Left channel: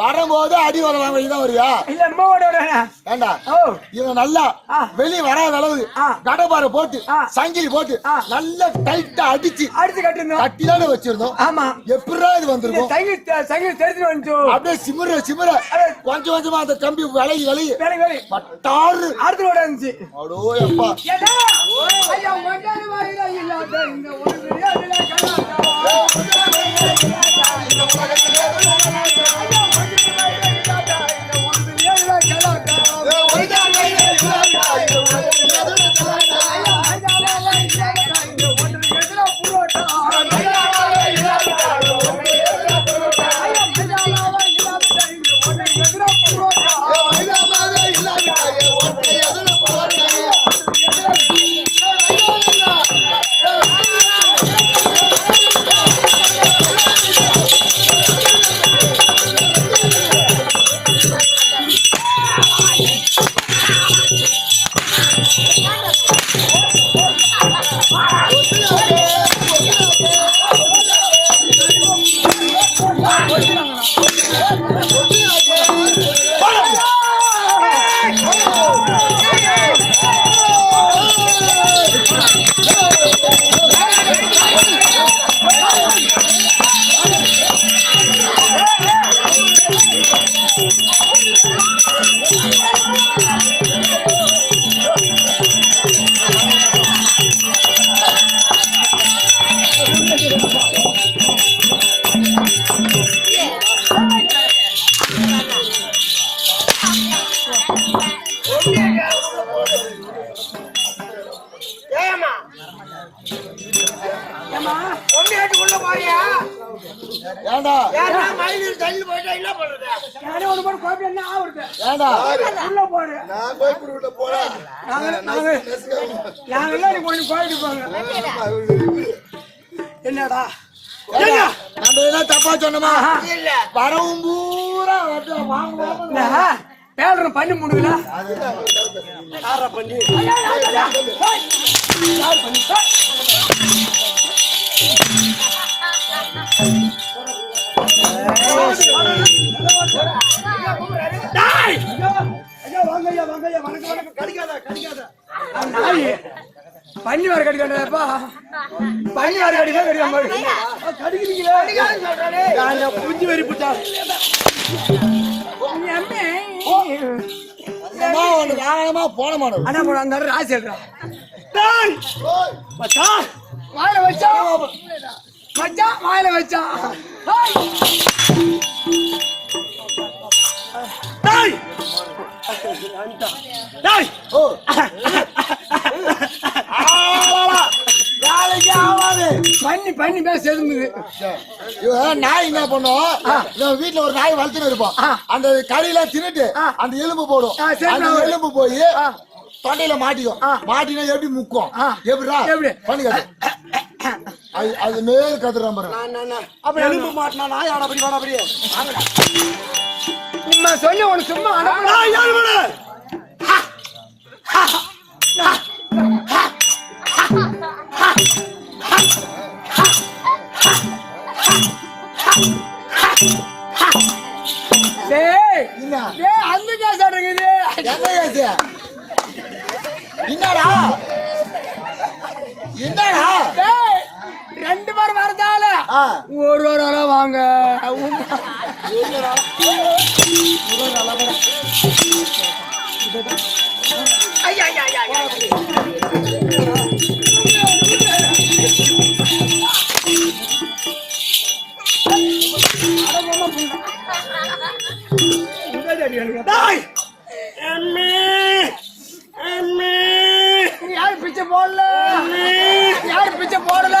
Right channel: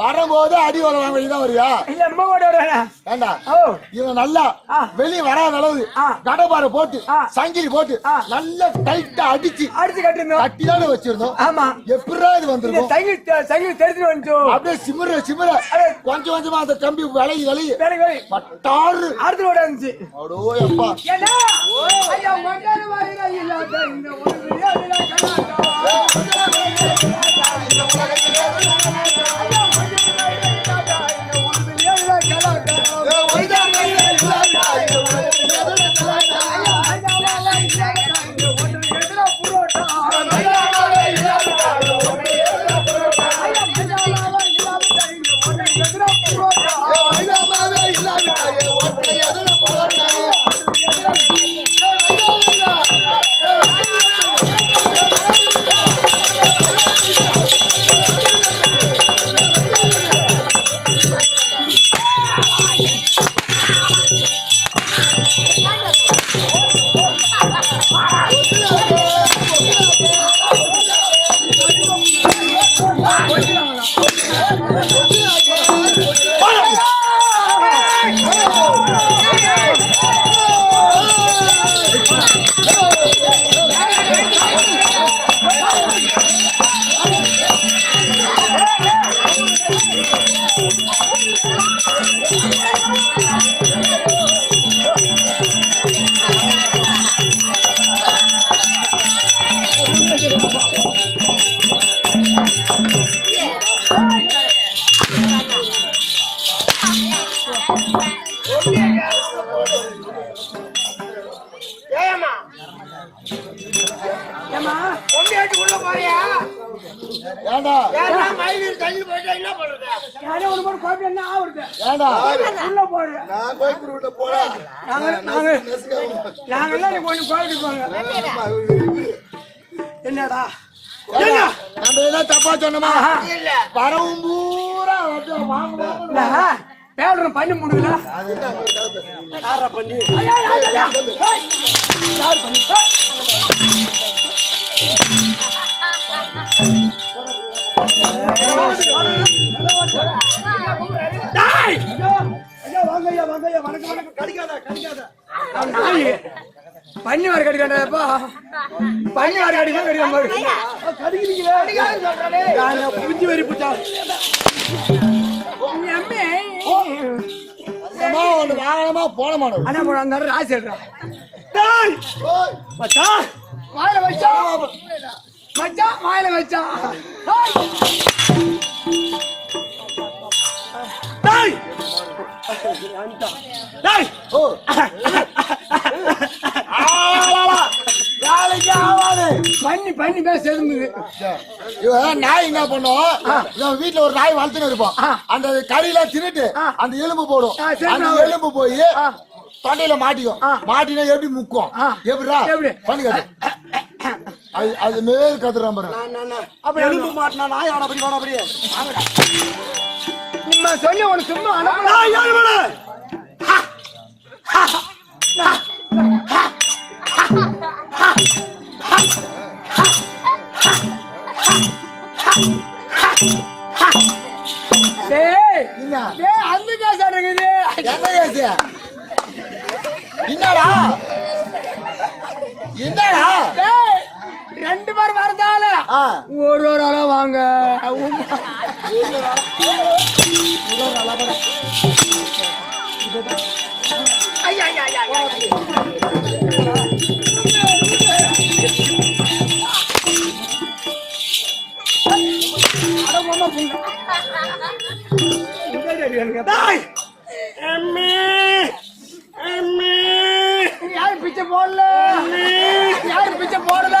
வரும்போது அடி வாங்கிதான் வரியா இவன் நல்லா வெளியே வராத அளவு கடப்பாறை போட்டு சங்கிலி போட்டு நல்லா டைட்டா அடிச்சு கட்டியான வச்சிருந்தோம். ஆமா, எப்படிதான் இது வந்திருக்கும்? அப்படியே சிமர சிமர கொஞ்சம் கொஞ்சமா அந்த கம்பி விலகி விலகி பட்டாறு அடுத்து இருந்துச்சு. அடோ எப்பா என்னடா தப்பா சொன்னமா வரவும் பூரா பேடுற பண்ணி முடியல பண்ணி பண்ணி வர கடிக்காதப்பா, பண்ணி வர கடிக்க புஞ்சி வரி போட்டா வாகனமா போன மாட்டோம். ஆனா போன அந்த ராசி வச்சா வாயில வச்சா பண்ணி பேச நாய் என்ன பண்ணும் வீட்டுல ஒரு நாய் வளர்த்துன்னு இருப்போம் அந்த கறியில தின்னுட்டு அந்த எலும்பு போடும் அந்த எலும்பு போய் தொண்டையில மாட்டிக்கும் மாட்டினா எப்படி முக்கும் எப்படிடா பண்ணிக்காது அது மேல் கத்துற மாதிரி எலும்பு மாட்டினா நாய் ஆடப்படி வாடப்படியே சொல்லி உனக்கு சும்மா என்னடா என்னடா ரெண்டு பேர் வரதால ஒரு ஆளா வாங்க யார் பிச்சை போடல யார் பிச்சை போடல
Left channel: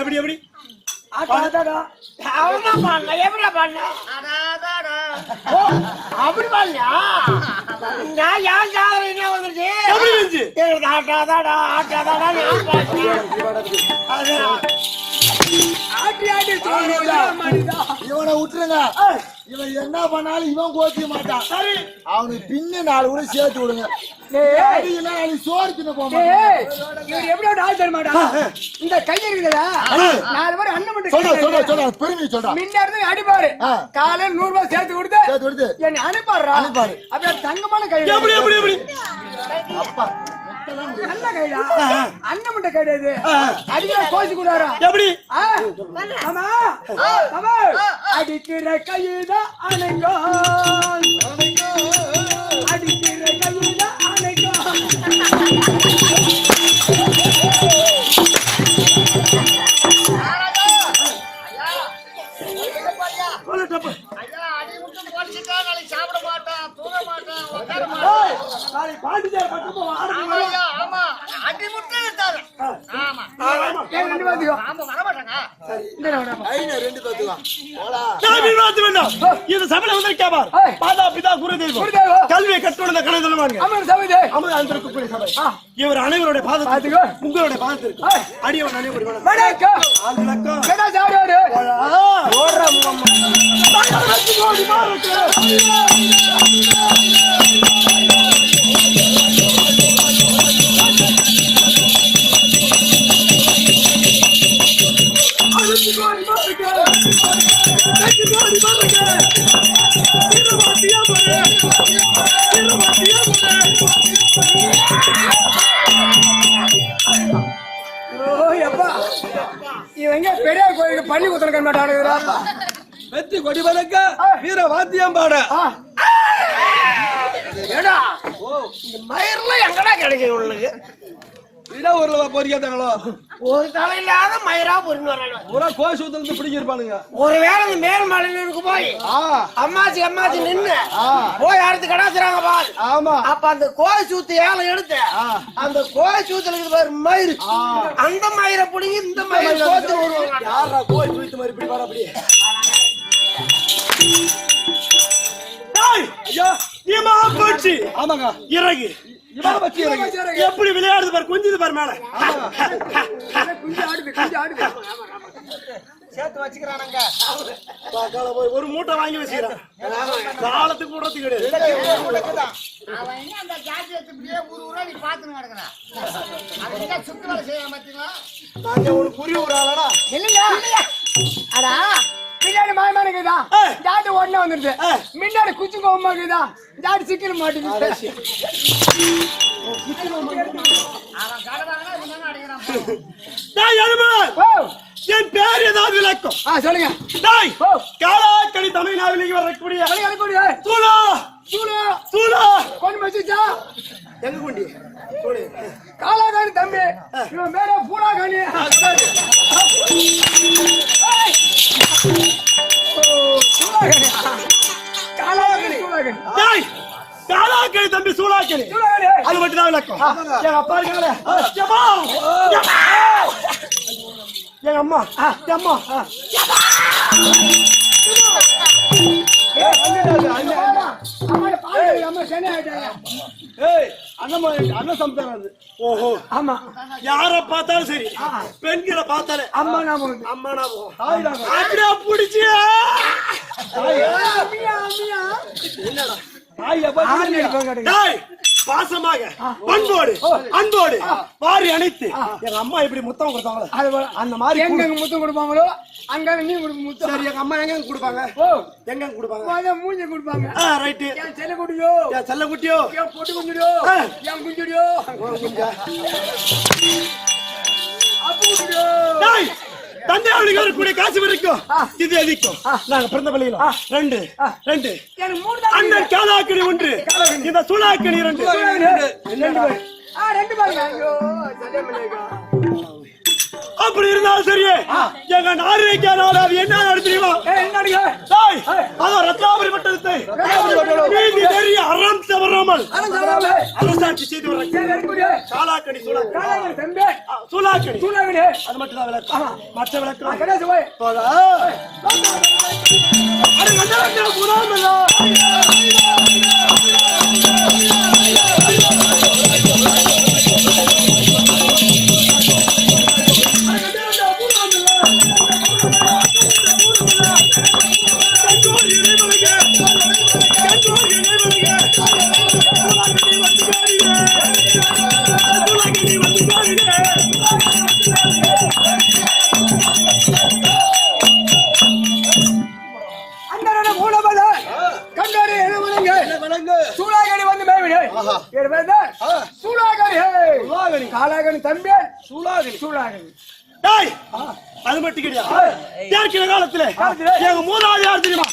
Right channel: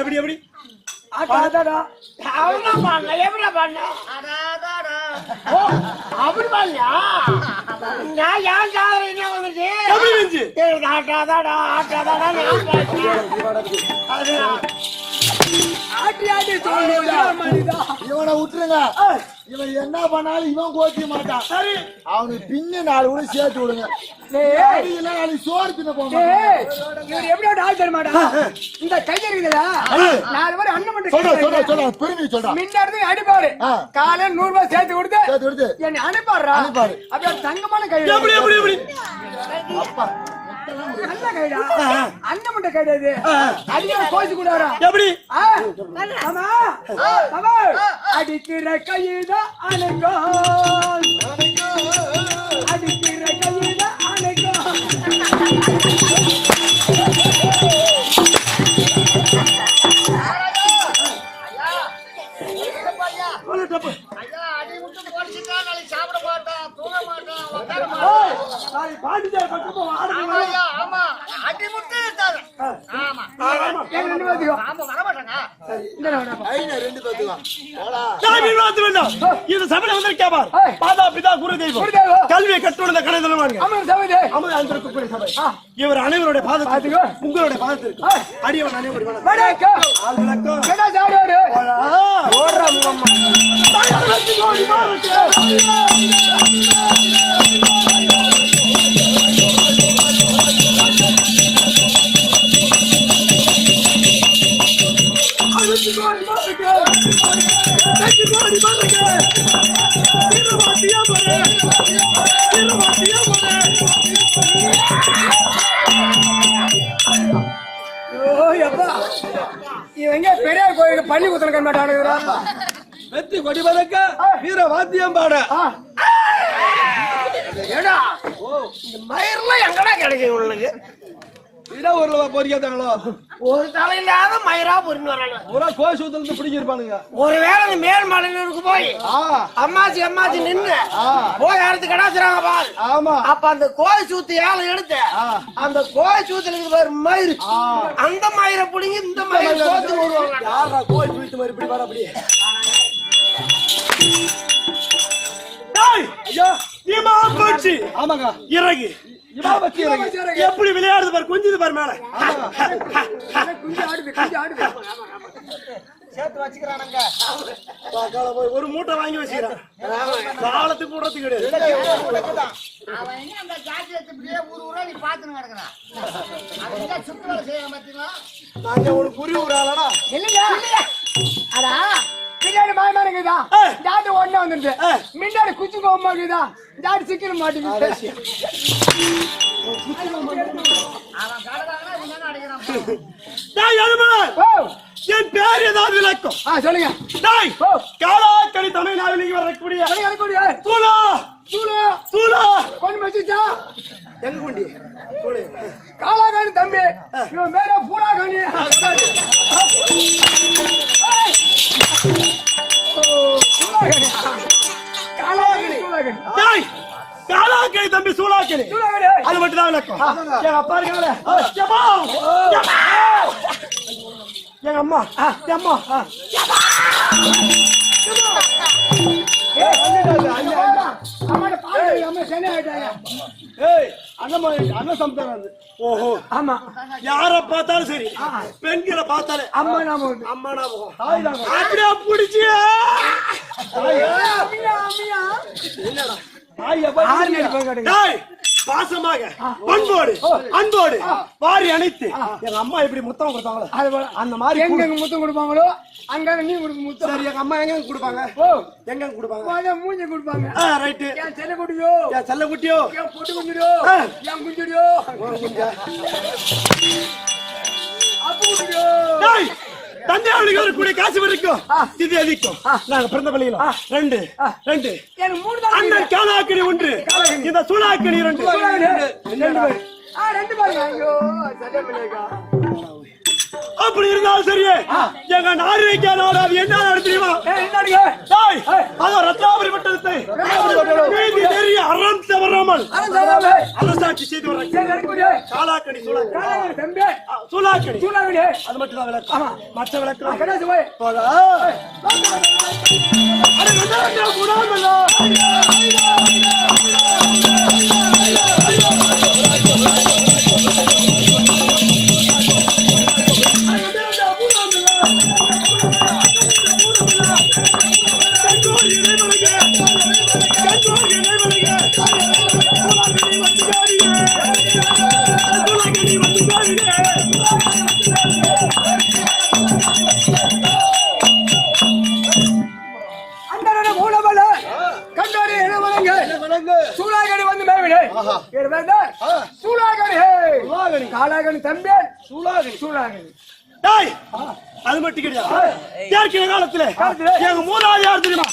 எப்படி எப்படி இவனை விட்டுருங்க இவன் என்ன பண்ணாலும் இவன் கோச்சிக்க மாட்டான் அவனுக்கு பின்ன 4 கூட சேர்த்து விடுங்க சோறு தின்ன போக எப்படி ஆள் தர மாட்டான் இந்த கையில இருக்குதா 4 பேர் அண்ணன் மட்டும் பெருமை சொல்றான் முன்ன இருந்து அடிப்பாரு காலையில 100 ரூபாய் சேர்த்து கொடுத்து என்னை அனுப்பாரு அப்படியே தங்கமான கை எப்படி எப்படி எப்படி நல்ல கைடா அண்ணன் மட்டும் கிடையாது அடிக்கிற கோச்சு கூடாரா எப்படி அடிக்கிற கைதான் அணைங்கோ அடிக்கிற கைதான் அணைங்கோ சாப்பிட மாட்டான் தூங்க மாட்டான் உட்கார மாட்டான் ஆமா அடி முட்டை ஆமா வர மாட்டாங்க இது சபையில வந்து கேப்பார் மாதா பிதா குரு தெய்வம் கல்வியை கற்றுள்ள கடை சொல்லுவாங்க சபை இவர் அனைவருடைய பாதத்துக்கு உங்களுடைய பாதத்திற்கு அடியவன் அனைவரும் பெரியார் கோயிலுக்கு பள்ளி குத்தன மாட்டானுங்கிறா வெற்றி கொடி பறக்க வீர வாத்தியம் பாட ஏடா இந்த மயிரெல்லாம் எங்கடா கிடைக்கும் உங்களுக்கு ஒரு பொறிக்காதாங்களோ ஒரு தலையில்லாத மயிரா பொறிஞ்சு வர்றாங்க ஒரு கோயில் சூத்துல இருந்து பிடிக்கிருப்பானுங்க ஒருவேளை மேல் மலையிலுக்கு போய் அம்மாச்சி அம்மாச்சி நின்று போய் அடுத்து கடாசுறாங்க பாரு ஆமா அப்ப அந்த கோயில் சூத்து ஏழை எடுத்து அந்த கோயில் சூத்துல இருக்கு பாரு மயிறு அந்த மயிரை பிடிங்கி இந்த மயிரை கோத்து வருவாங்க யாரா கோயில் சூத்து மாதிரி இப்படி வர அப்படியே ஐயா ஆமாங்க இறகு எப்படி விளையாடுது பாரு, கொஞ்சது பாரு மேல. சேர்த்து வச்சுக்கிறானுங்க. போய் ஒரு மூட்டை வாங்கி வச்சுக்கிறான். காலத்துக்கு விடுறதுக்கு கிடையாது. அவன் என்ன அந்த ஜாதி வச்சுப்படியே ஊரா நீ பாத்துன்னு கிடக்குறான். அவங்க சுத்து வேலை செய்ய மாட்டீங்களா? நாங்க ஒரு புரி ஊராளடா. இல்லையா அடா பின்னாடி மாமானுக்குதா ஜாதி ஒண்ணு வந்துருச்சு. முன்னாடி குச்சி கோமாக்குதா ஜாதி சிக்கன மாட்டேங்குது. அவன் கடதாங்கன்னா இவன் அடிக்கிறான். என் பேர் ஏதாவது விளக்கம் சொல்லுங்க. காலாக்கடி தமிழ்நாட்டில் வரக்கூடிய தூளா சூளா தூளா கொண்டு வச்சுச்சா எங்க கொண்டி காலாகாணி தம்பி இவன் பேர பூராகாணி. காலாக்கடி தம்பி சூளாக்கடி அது மட்டும் தான் விளக்கம். எங்க அப்பா இருக்காங்களே எங்க அம்மா அம்மா ஓஹோ ஆமா யார பார்த்தாலும் சரி பெண்களை பார்த்தாலே அம்மா நாம அம்மா ஞாபகம் அப்படியே பிடிச்சி பாசமாக பண்போடு அன்போடு வாரி அணைத்து எங்க அம்மா எப்படி முத்தம் கொடுத்தாங்களோ அந்த மாதிரி எங்க முத்தம் கொடுப்பாங்களோ அங்க நீ முத்தம். சரி எங்க அம்மா எங்க கொடுப்பாங்க எங்க கொடுப்பாங்க மூஞ்சி கொடுப்பாங்க. ரைட்டு என் செல்ல குட்டியோ என் செல்ல குட்டியோ என் பொட்டு குஞ்சிடியோ என் குஞ்சிடியோ குஞ்சா அப்போ குஞ்சிடியோ தந்தை அவளுக்கு வரக்கூடிய காசு வரைக்கும் இது அதிகம். நாங்க பிறந்த பள்ளியில ரெண்டு ரெண்டு அண்ணன் காலாக்கணி ஒன்று இந்த சூளாக்கணி ரெண்டு அப்படி இருந்தாலும் சரியே எங்க நாரிக்கா நாடு அது என்ன நாடு தெரியுமா? அதான் ரத்னாபுரி பட்டணத்தை நீதி நெறி அறம் தவறாமல் அரசாட்சி செய்து வர காலாக்கணி சூளாக்கணி அது மட்டும் தான் விளக்கம். மற்ற விளக்கம் சூளாகணி வந்து சூளாகணி காலாகணி தம்பி சூளாகணி சூளாகணி அது மட்டும் கிடையாது. ஏற்கனவே காலத்துல எங்க மூணாவது யார் தெரியுமா?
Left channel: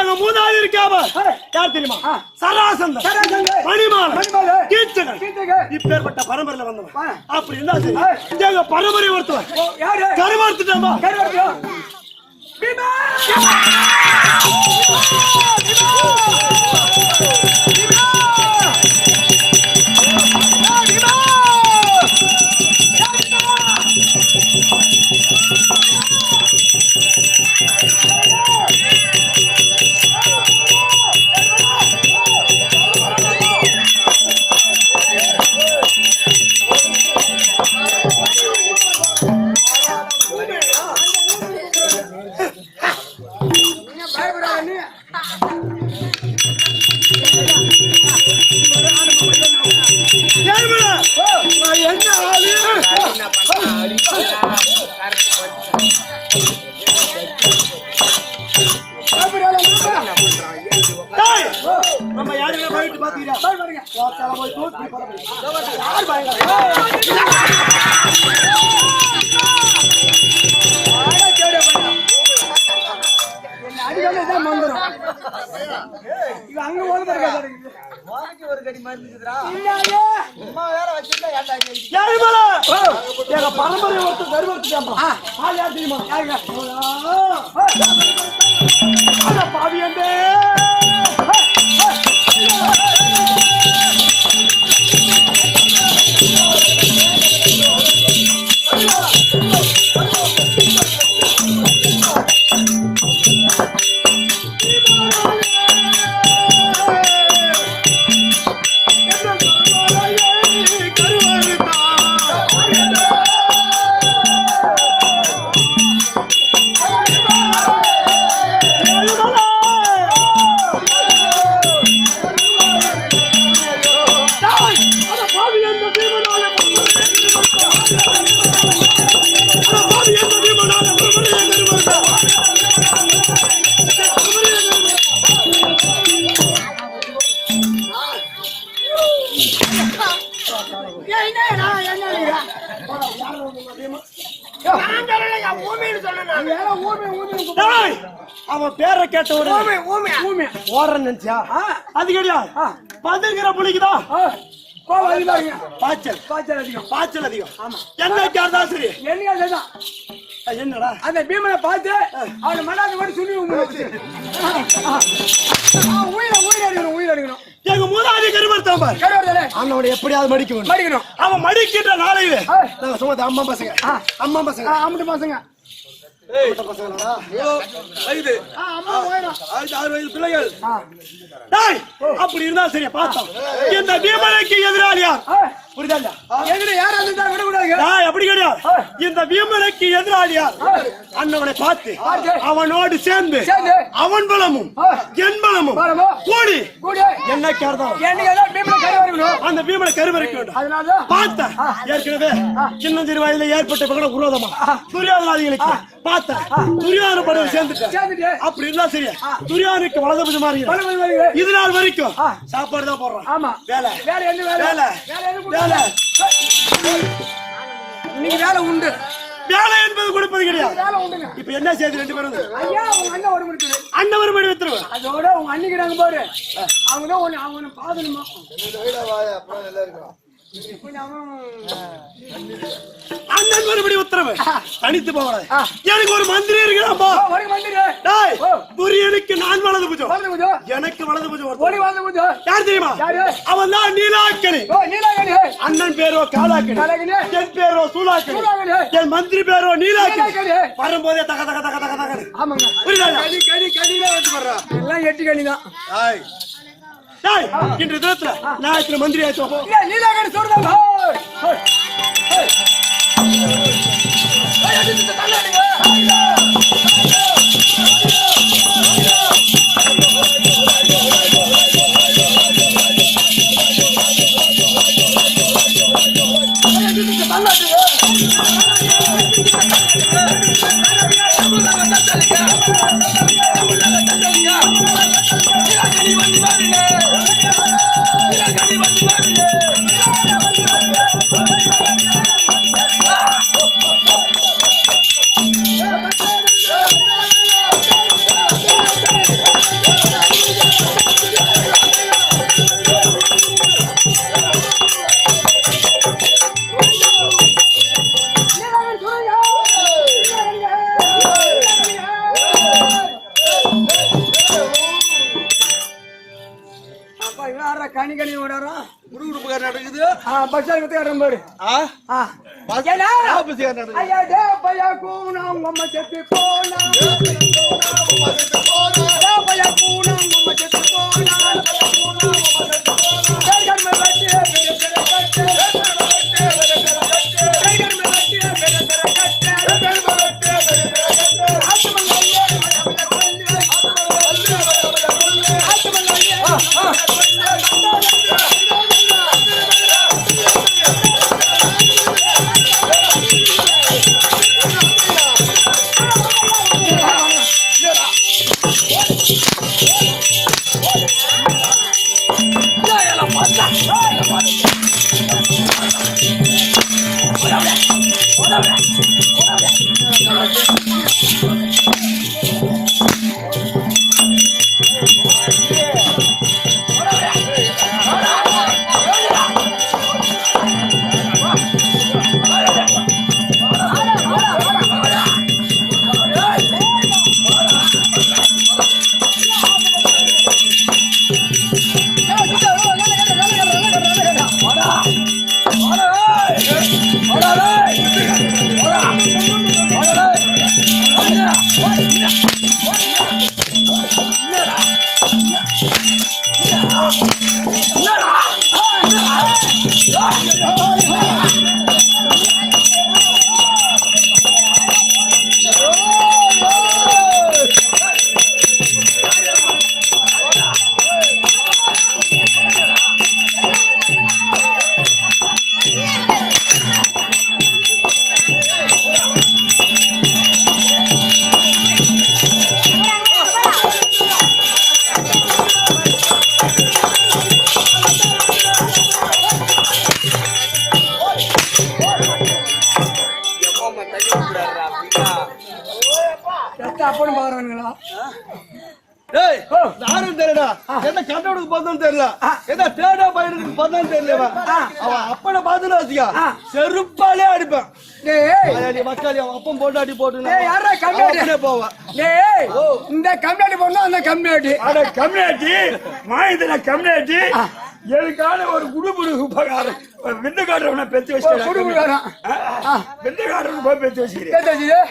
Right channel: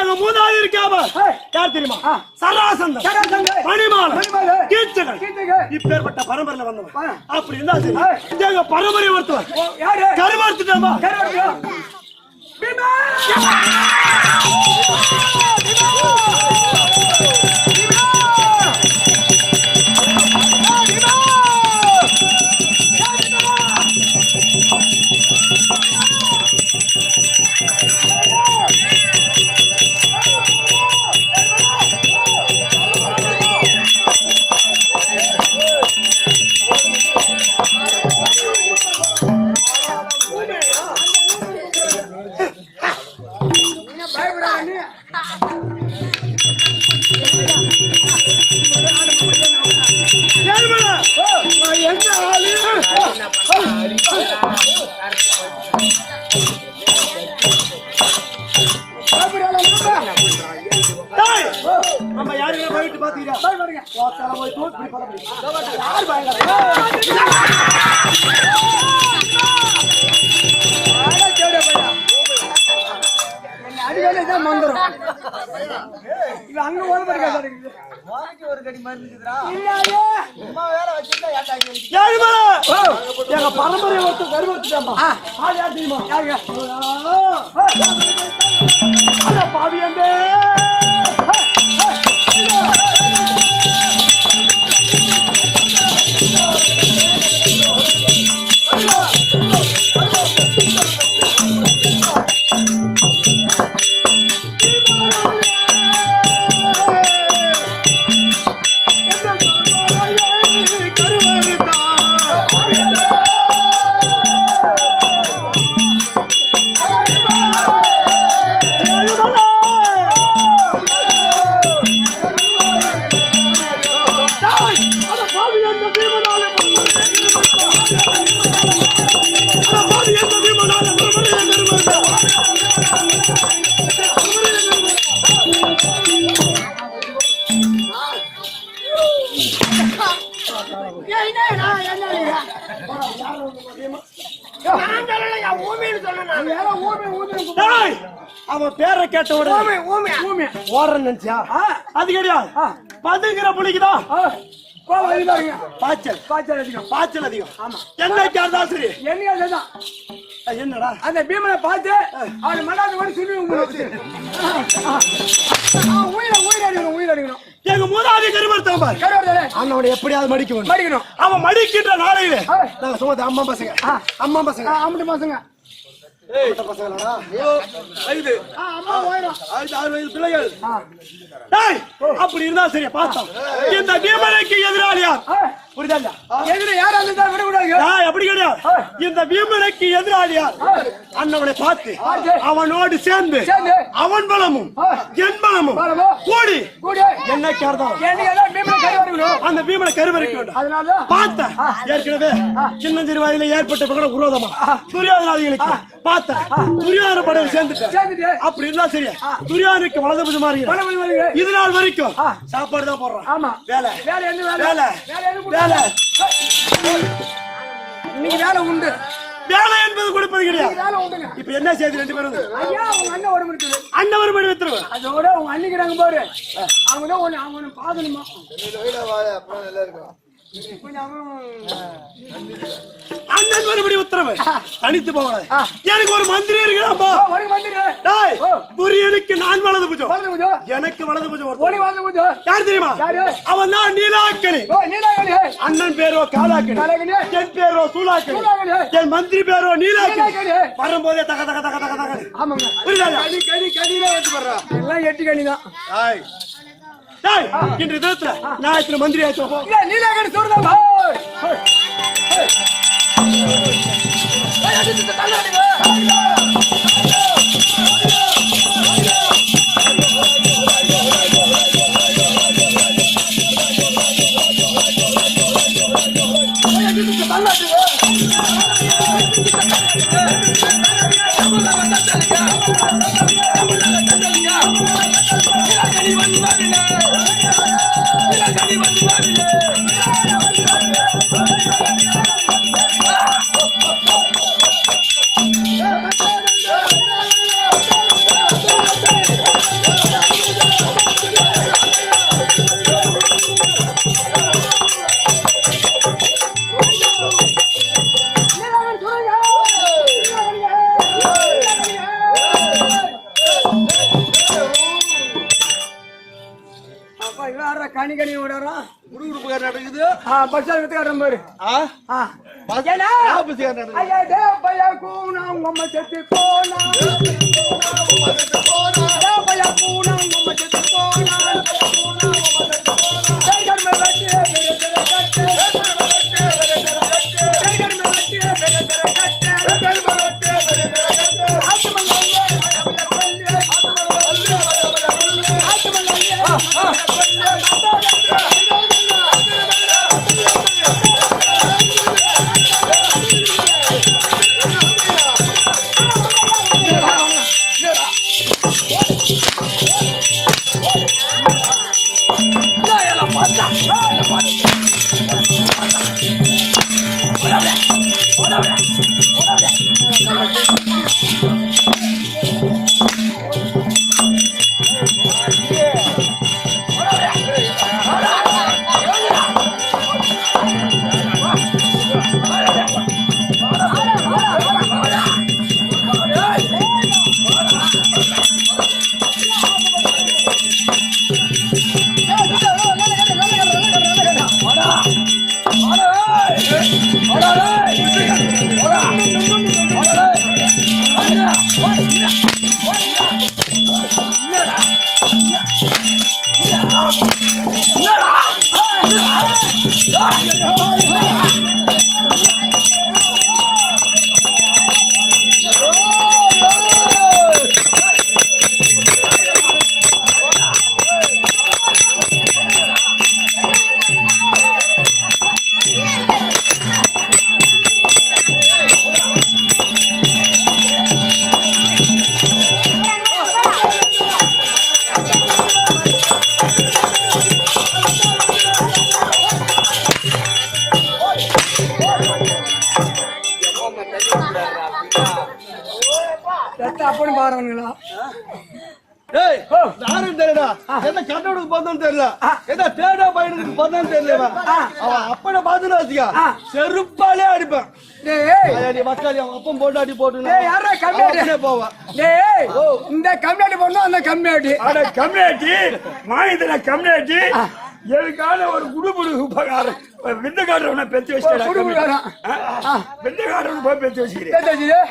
எங்க மூணாவது இருக்காம யார் தெரியுமா? சராசந்தன் மணிமாலை கீச்சகன் இப்பேற்பட்ட பரம்பரையில வந்தவன். அப்படி இருந்தா சரி எங்க பரம்பரை ஒருத்தவன் கருவார்த்துட்டா நம்ம யாருமே போயிட்டு பாத்தீங்களா? போய் தூக்கி யார் அங்க ஒரு கடி மருந்துக்குதுடா வேற வச்சிருந்தா பரம்பரை ஒருத்தர் கருவத்துட்டாமா யார் தெரியுமா? பாவியந்தே அவன் பேரை கேட்ட உடனே ஓடுறன்னு நினைச்சியா? அது கிடையாது. பதுங்கிற புலிக்குதான் பாய்ச்சல் பாய்ச்சல் அதிகம். என்னைக்கு இருந்தாலும் சரி என்னடா அந்த பீமனை பார்த்து அவனை மடாத மாதிரி சொல்லி உயிரடிக்கணும். எங்க மூதாதி கருமர்த்தம் பாரு அண்ணோட எப்படியாவது மடிக்கணும். அவன் மடிக்கின்ற நாளையில நாங்க சுமத்த அம்மா பசங்க அம்மட்டு பசங்க அப்படி இருந்தா சரியா பார்த்தோம். இந்த பீமனுக்கு எதிராளியா புரியுதா? அப்படி கிடையாது. இந்த பீமனுக்கு எதிராளியா அண்ணவனை பார்த்து அவனோடு சேர்ந்து அவன் பலமும் என் பலமும் கூடி என்ன கருதம் அந்த பீமனை கருவறைக்க வேண்டும். பார்த்த ஏற்கனவே சின்னஞ்சிறு வயதில ஏற்பட்ட விரோதமா துரியோதனாதிகளுக்கு பார்த்த துரியோதன படையை சேர்ந்துட்டேன். அப்படி இருந்தா சரியா துரியோதனுக்கு வலது புஜமா இருக்கு. இது நாள் வரைக்கும் சாப்பாடு தான் போடுறோம். வேலை வேலை வேலை வேலை உண்டு. வேலை என்பது கொடுப்பது கிடையாது. இப்ப என்ன செய்து ரெண்டு பேரும் அண்ணன் ஒரு மணி வைத்துருவ அதோட உங்க அன்னிக்கிறாங்க பாரு. அவங்க அவனை பாதணுமா அண்ணன் மறுபடி உத்தரவு தனித்து போகலாம். எனக்கு ஒரு மந்திரி இருக்கிறாம்பா. துரியனுக்கு நான் வலது புஜம் எனக்கு வலது புஜம் யார் தெரியுமா? அவன் தான் நீலாக்கணி. அண்ணன் பேரோ காலாக்கணி, என் பேரோ சூலாக்கணி, என் மந்திரி பேரோ நீலாக்கணி. வரும்போதே தக தக தக தக தக புரியுதா? எட்டு கணிதான் இன்று தினத்துல நான் மந்திரி ஆச்சு கனி கனி விடுறோம். நடக்குது பஸ் பாரு. செத்து போனா அப்படி பாருங்களா ஏய் யாரும் தெரியல என்ன கண்டவனுக்கு பார்த்தோன்னு தெரியல ஏதோ தேடா பையனுக்கு பார்த்தோன்னு தெரியல அவன் அப்பனை பார்த்துன்னு வச்சுக்கா செருப்பாலே அடிப்பேன் மக்கள் அவன் அப்பன் போட்டு அடி போட்டு யாரா கம்யூனிட்டி போவான் இந்த கம்யூனிட்டி போடணும் அந்த கம்யூனிட்டி கம்யூனிட்டி மாநில கம்யூனிட்டி எதுக்கான ஒரு குடுகுடு உபகாரம் விந்துக்காரவனை பெற்று வச்சு விந்துக்காரவன் போய் பெற்று வச்சுக்கிறேன்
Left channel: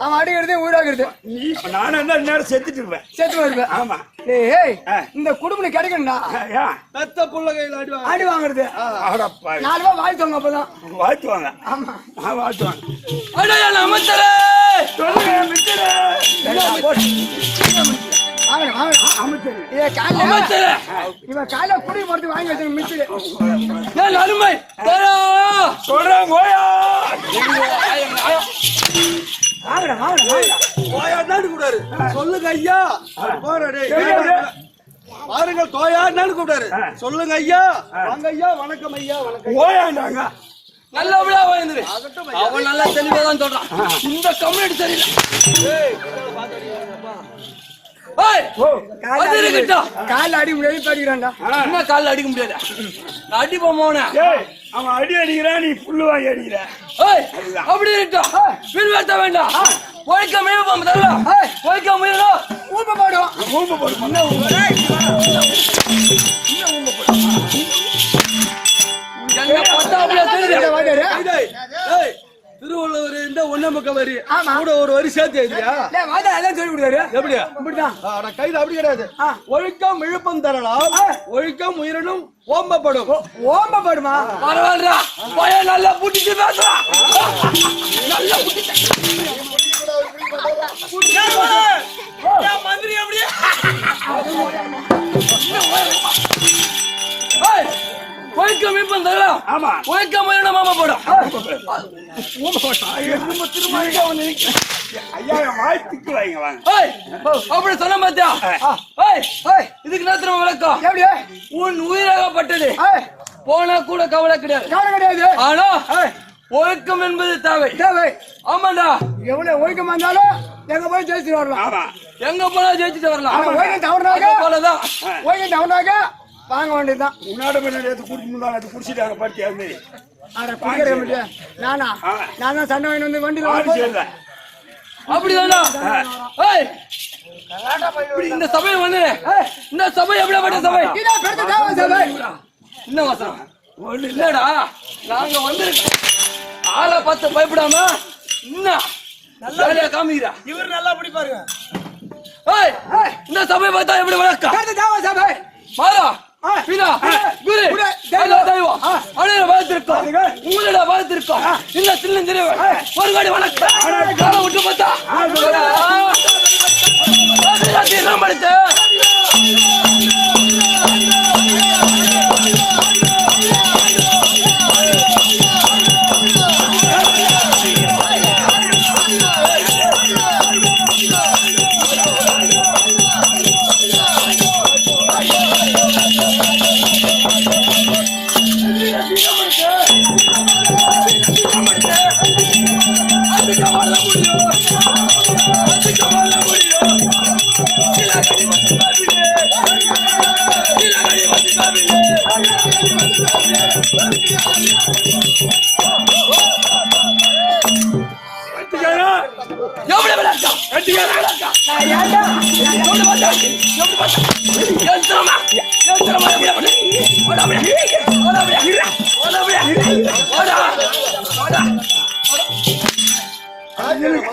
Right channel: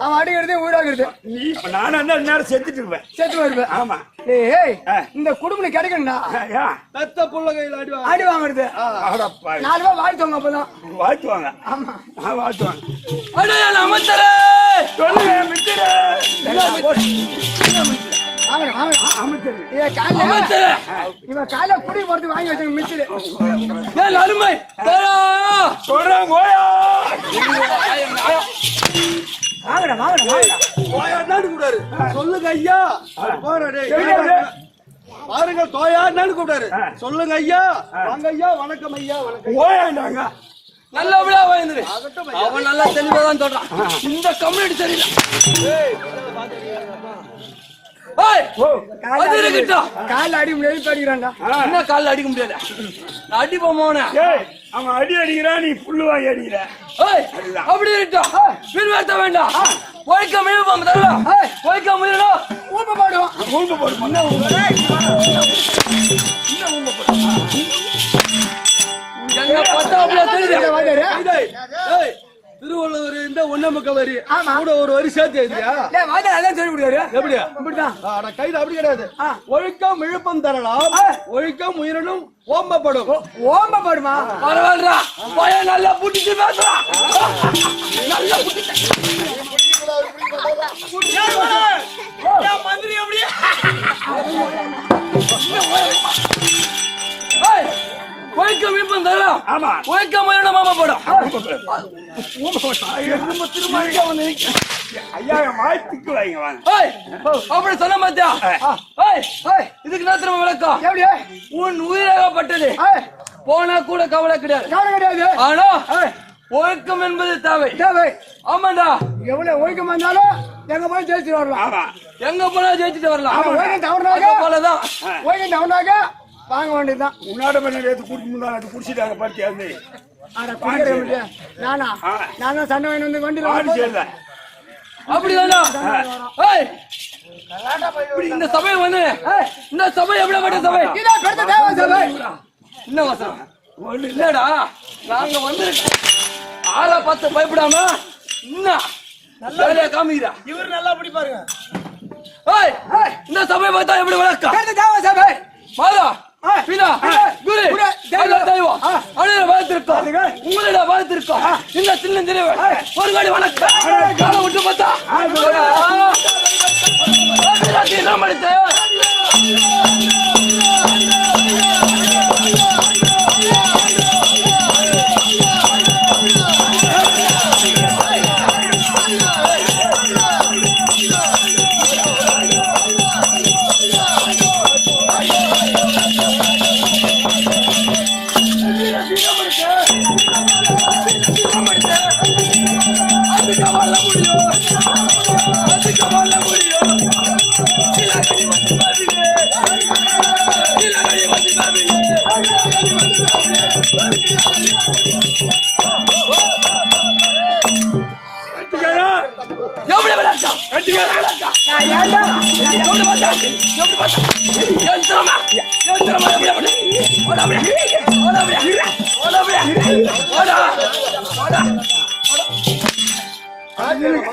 அவன் அடிக்கிறது ஊராகிறது நீ நானும் அந்த நேரம் செத்துட்டு இருப்பேன் செத்து வருவேன் ஆமா ஏய் இந்த குடும்பம் கிடைக்கணும்டா பெத்த புள்ள கையில அடி வாங்குறது 4 ரூபாய் வாழ்த்துவாங்க அப்பதான் வாழ்த்துவாங்க ஆமா வாழ்த்துவாங்க அமைச்சரே சொல்லுங்க அமைச்சரே இவன் காலையில குடி போறது வாங்கி வச்சாங்க மிச்சரு ஏன் அருமை சொல்றேன் கோயா கூடாது சொல்லுங்க ஐயா பாருங்க தோயான்னு கூப்பிடாரு சொல்லுங்க ஐயா வாங்க ஐயா வணக்கம் ஐயா வணக்கம் நல்லபடியா வாய்ந்துரு அவன் நல்லா தெளிவாதான் சொல்றான் இந்த கம்யூனிட்டி சரியில்லை கால அடி முடியாது என்ன கால அடிக்க முடியாது அடிப்போமோன அவன் அடி அடிக்கிறா நீ புல்லு வாங்கி அடிக்கிற அப்படி பின்வர்த்த வேண்டாம் ஒழிக்க முயல்வோம் ஒழிக்க முயலும் ஊம்ப போடுவோம் ஊம்ப போடும் என்ன பார்த்தா அப்படியே தெரியுது திருவள்ளுவர் இந்த ஒன்னமுக்க வரி கூட ஒரு வரி சேர்த்து எழுதியா சொல்ல முடியாது எப்படி இப்படிதான் கைது அப்படி கிடையாது ஒழுக்கம் இழுப்பம் தரலாம் ஒழுக்கம் உயிரினும் ஓம்பப்படும் ஓம்பப்படுமா பரவாயில்ல போய நல்லா புட்டிச்சு பேசுறான் நல்லா மந்திரி அப்படியே ஒழுக்கம் இழுப்பம் தரலாம் ஆமா ஒழுக்கம் உயிரினும் ஓம்பப்படும் ஐயா வாழ்த்துக்கு வாங்க வாங்க அப்படி சொன்ன மாத்தியா இதுக்கு நேரத்துல விளக்கம் உன் உயிராகப்பட்டது போனா கூட கவலை கிடையாது ஆனா ஒழுக்கம் என்பது தேவை ஆமாண்டா எவ்வளவு ஒழுக்கம் வந்தாலும் எங்க போய் ஜெயிச்சுட்டு வரலாம் எங்க போனா ஜெயிச்சுட்டு வரலாம் போலதான் ஒழுக்கம் தவறாக வாங்க வேண்டியதுதான் உன்னாட கூட்டிட்டு குடிச்சிட்டாங்க பார்த்து நானும் சண்டை வந்து வண்டி அப்படிதானா இந்த சபை வந்து இந்த சபை எப்படிப்பட்ட சபை என்ன வசனம் இல்லடா நாங்க வந்திருக்கோம் ஆளை பார்த்து பயப்படாம என்ன காமிக்கிறா இவர் நல்லா பிடிப்பாருங்க இந்த சபை பார்த்தா எப்படி வளர்க்க சபை மாறா பிதா குரு எல்லா தெய்வம் அனைவரும் வாழ்த்திருக்கோம் உங்களோட வாழ்த்திருக்கோம் இல்ல சின்ன ஒரு காடி வணக்கம் காலை விட்டு பார்த்தா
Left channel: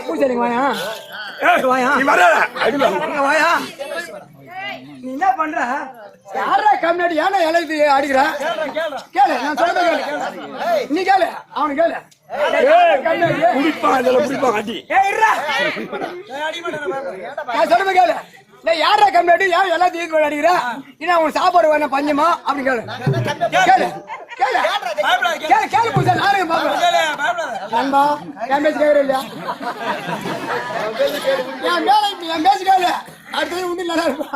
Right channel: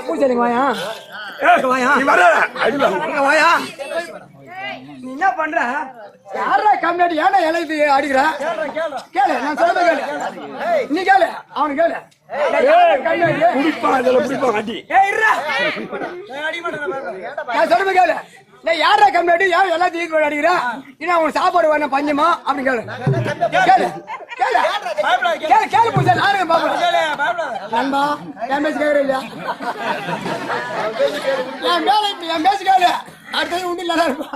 பூசாரிங்க வாயா நீ வர அடில வாயா நீ என்ன பண்ற யாரா கம்மியாடி ஏன்னா எழுதி அடிக்கிற கேளு நான் சொல்றத கேளு நீ கேளு அவனு கேளு குடிப்பான் இதுல குடிப்பான் அடி நான் சொல்றத கேளு யாரா கம்மியாடி ஏன் எல்லாத்தையும் அடிக்கிற இன்னும் அவனுக்கு சாப்பாடு வேணும் பஞ்சமா அப்படி கேளு கேளு கேளு கேளு பூசா நானே பாக்குறேன் நண்பா என் பேச்சு கேட்கற இல்லையா என் பேச்சு கேளு அடுத்தது உண்டு நல்லா இருக்கும்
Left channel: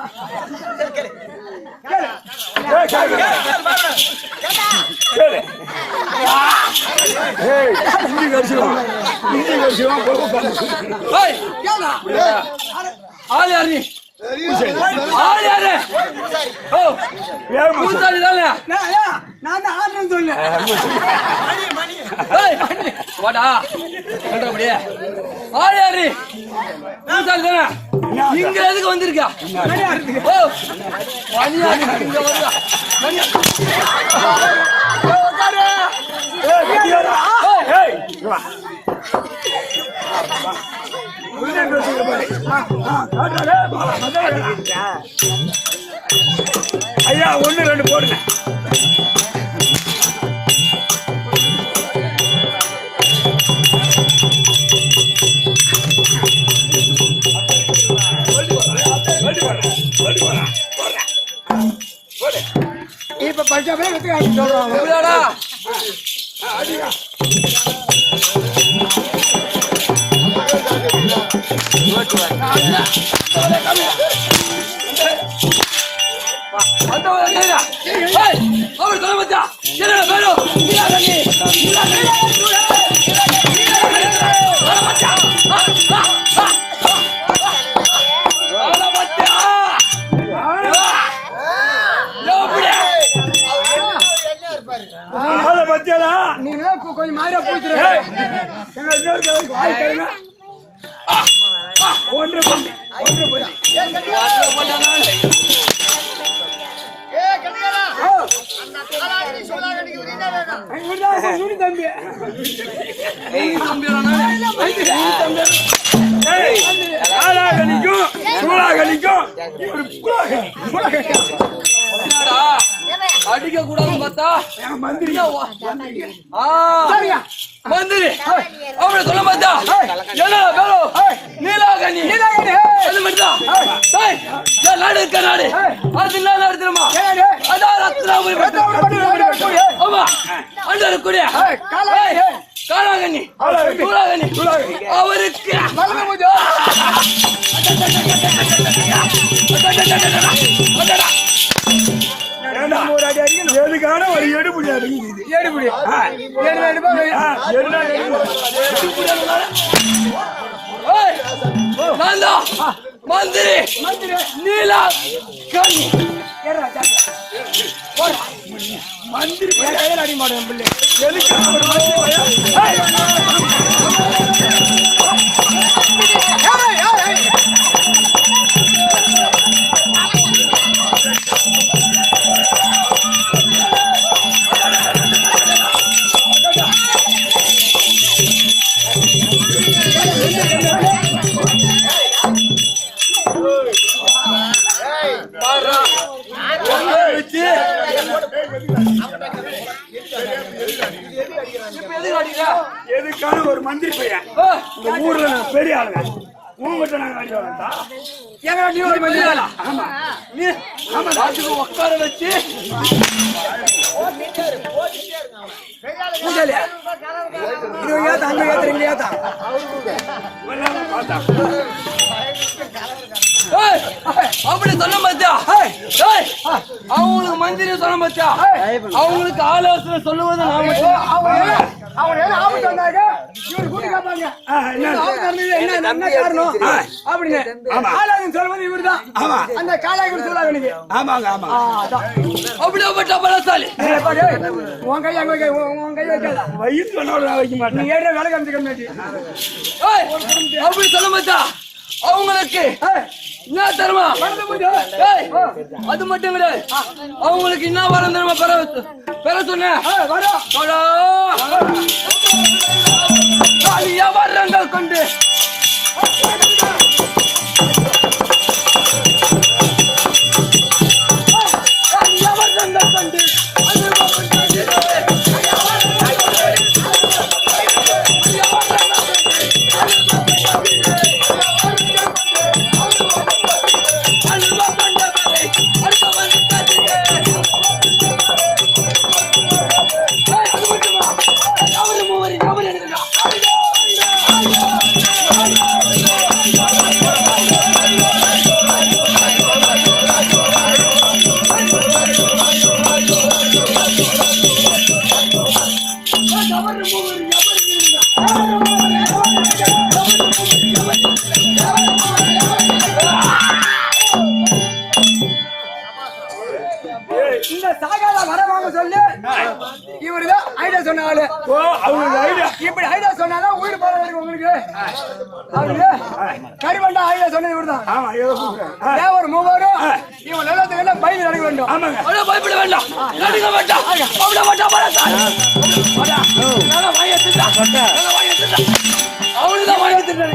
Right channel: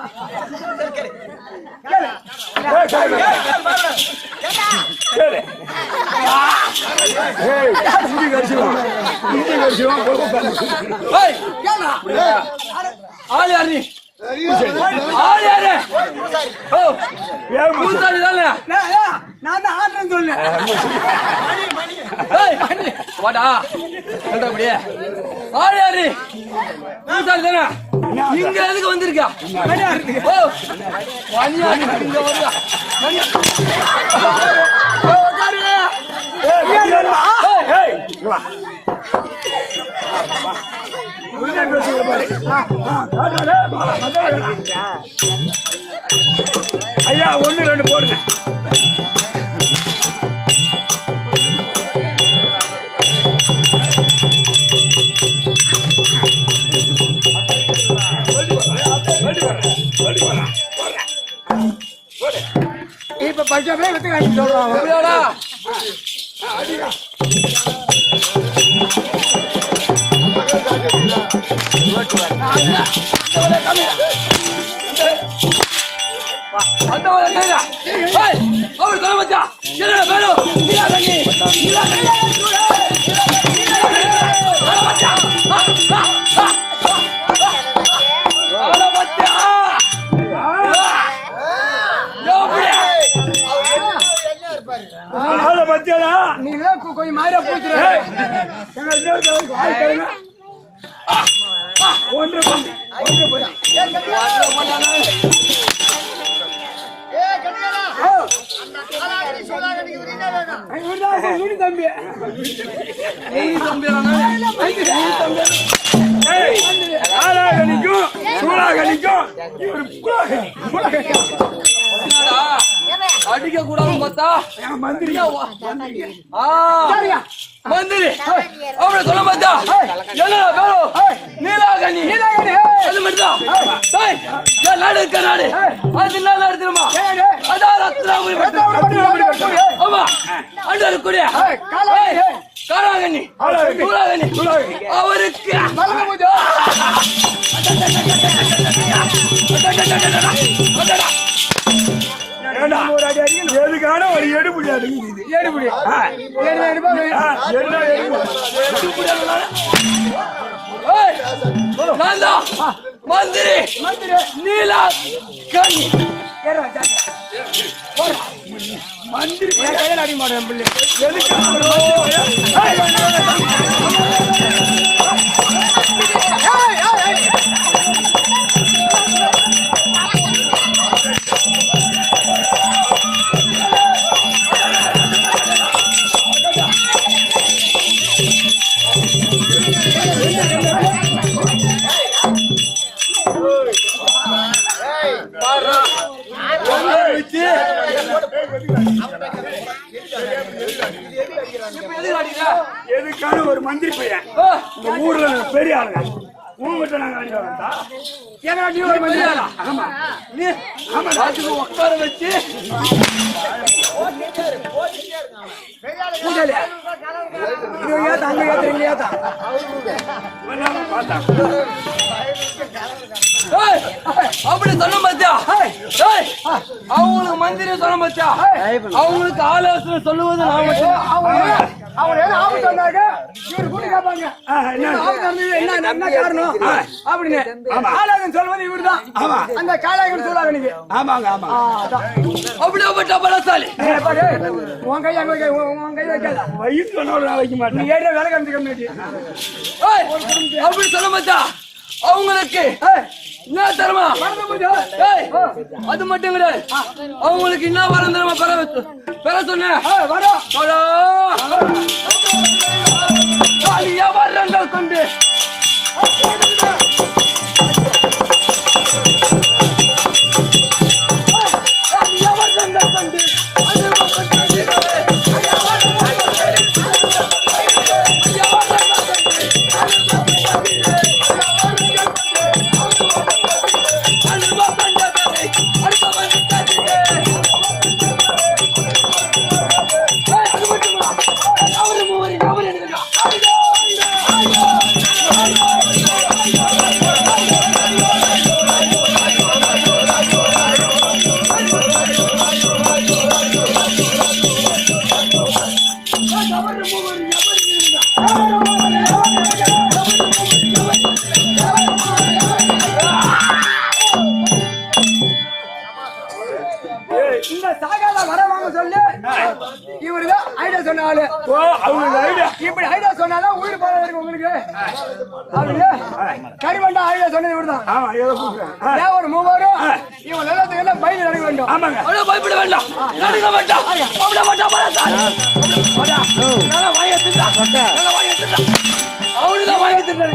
ஆள் யாரு நீ ஆள் யாரு பூசாரி தானே நான் தான் ஆடுறேன்னு சொன்னேன் வாடா சொல்ற அப்படியே ஆள் யாரு பூசாரி தானே இங்க எதுக்கு வந்திருக்கா ஓ மணியா இங்க வருதா மணியா ஐயா 1 2 போடுங்க இப்ப பஞ்சாபே வெத்துக்காச்சு சொல்லுவாங்க அவர் சொல்ல மச்சா என்ன பேரும் நீங்க கொஞ்சம் மாதிரியா அடிக்க கூடாதுன்னு பார்த்தா மந்திரி அவனை சொல்ல பார்த்தா என்ன பேரும் நீலாகனி அது மட்டும்தான் நாடு இருக்க நாடு அது என்ன எடுத்துருமா ஆமா அண்டு இருக்கக்கூடிய காலாகனி சூலாகனி அவருக்கு எதுக்கான ஒரு எடுபடி மந்திரி நீலா கண்ணி மந்திரி அடி மாட்டேன் எதுக்கான ஒரு மந்திரி பையன் இந்த ஊர்ல பெரிய ஆளுங்க உங்ககிட்ட நாங்க அடி வாங்கட்டா உட்கார வச்சு அப்படி சொல்ல மாத்தியா அவங்களுக்கு மந்திரி சொல்ல மாத்தியா அவங்களுக்கு ஆலோசனை சொல்லுவது நான் மட்டும் அவங்க ஆபத்து வந்தாங்க இவரு கூட்டி கேட்பாங்க என்ன காரணம் அப்படின்னு ஆலோசனை சொல்வது இவரு தான் அந்த காலாகன் சொல்றாங்க நீங்க அப்படியே பலசாலி உன் கை அங்க உன் கை வைக்காத வயிற்று வைக்க மாட்டேன் நீ ஏற்ற வேலை காமிச்சு அப்படி சொல்ல மாட்டா அவங்களுக்கு என்ன தருமா அது மட்டும் கிடையாது அவங்களுக்கு என்ன வரம் தருமா பெற சொன்ன வரங்கள் கொண்டு இவருதான் ஐடியா சொன்ன ஆளு. ஓ அவங்க ஐடியா இப்படி ஐடியா சொன்னாதான் உயிர் போக வேண்டிய உங்களுக்கு. அவரு கரிவண்டா ஐடியா சொன்னது இவருதான். ஆமா ஏதோ கூப்பிடுறேன் தேவர் மூவரும் இவன் நல்லதுக்கு எல்லாம் பயந்து நடக்க வேண்டும். ஆமாங்க அவ்வளவு பயப்பட வேண்டாம். நடுங்க வேண்டாம். அவ்வளவு வேண்டாம். அவனுதான் வாங்கி திட்டாரு.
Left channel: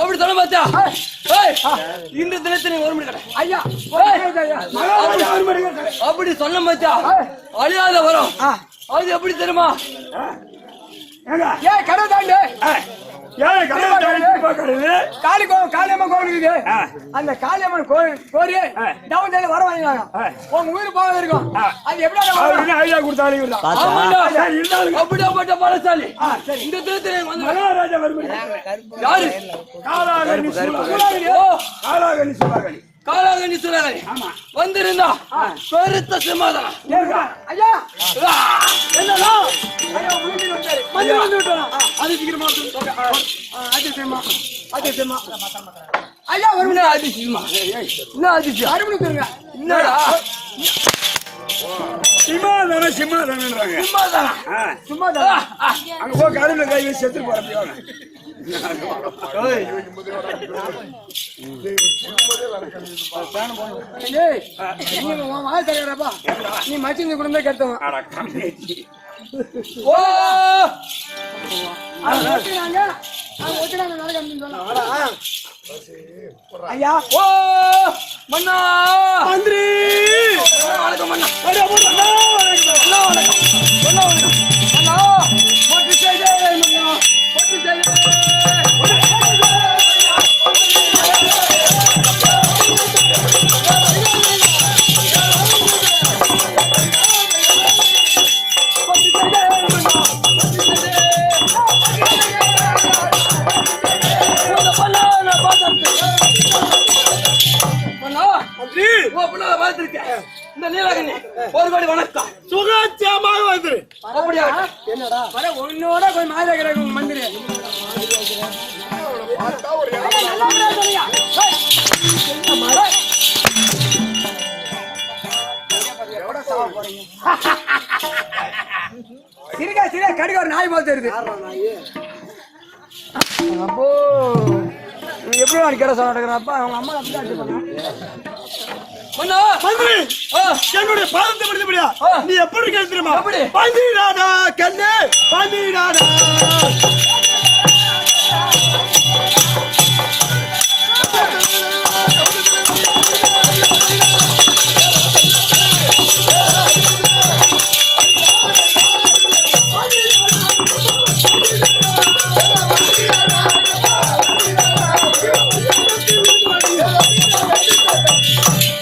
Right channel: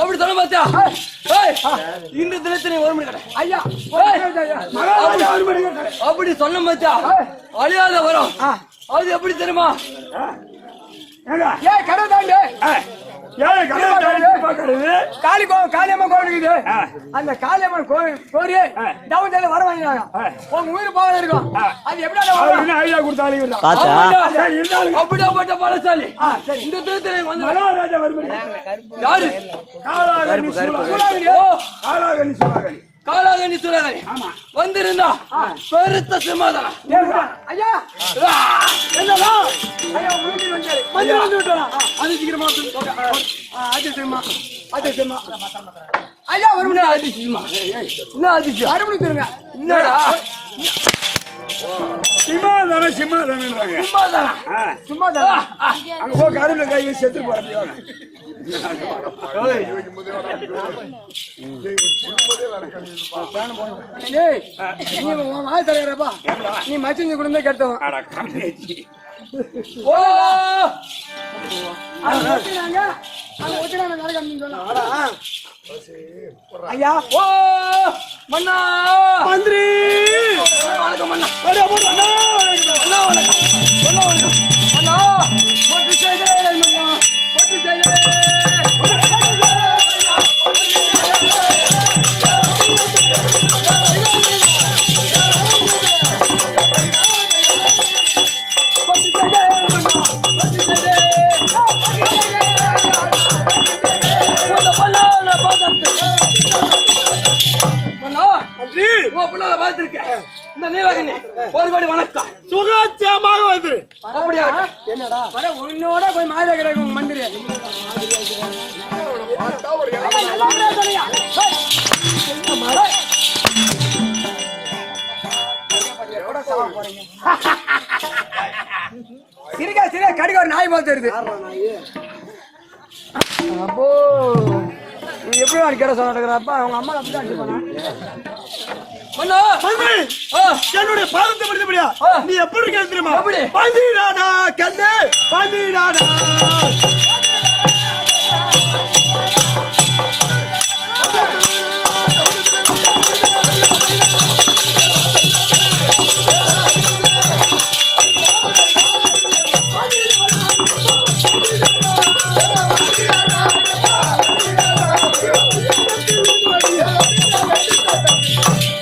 அப்படி சொல்ல மாத்தியா? இன்று தினத்தினை ஒரு மணி கடை. ஐயா அப்படி சொல்ல மாத்தியா? அழியாத வரும். அது எப்படி தெரியுமா? ஏன் கடவுள் தாண்டு ஏன் கடை பாக்குறது காளியம்மன் கோவில் இருக்குது. அந்த காளியம்மன் கோரி டவுன் சைடுல வர வாங்கினாங்க. உங்க உயிர் போக இருக்கும். அது எப்படி ஐடியா கொடுத்தாலும் இவர்தான். ஆமாண்டா. இருந்தாலும் அப்படியாப்பட்ட பலசாலி. இந்த தினத்தினை வந்து மகாராஜா வரும்படி யாரு? காலாகனி சூலாகனி காலாகனி சுரகனி வந்திருந்தா பெருத்த சிம்மாதனம். ஐயா என்னடா ஐயா உயிர் வந்தாரு. மந்திரம் வந்து விட்டானா? அது சீக்கிரமா அதிசயமா ஐயா வருமனே அதிசயமா? என்ன அதிசயம்? அறுபடுத்துருங்க. என்னடா சிம்மாதானம் சும்மா தானே அங்க போய் கருணை கை செத்து போறோம். தரப்பா நீ மச்சிங்க குடும்பமே கெட்டவன். ஓ ஐயா ஓ மன்னா மந்திரி வணக்கம் மன்னா. அடே மன்னா மன்னா வணக்கம். மன்னா வணக்கம். மன்னா போட்டு செய்தே மன்னா போட்டு செய்தே. இந்த நீலகண்ணி ஒரு கோடி வணக்கம். சுகாட்சியமாக வந்து அப்படியா? என்னடா உன்னோட போய் மாதேக்கிறாங்க உங்க மந்திரி. சிரிக்கா கடிக்க ஒரு நாய் போல் தெரியுது. அப்போ நீ எப்படி கேட சொல்ல நடக்கிறப்ப அவங்க அம்மா மன்னா மந்திரி என்னுடைய பாதத்தை படித்தபடியா நீ எப்படி கேள்வி தெரியுமா? எப்படி? பந்திடாடா கண்ணு பந்திடாடா.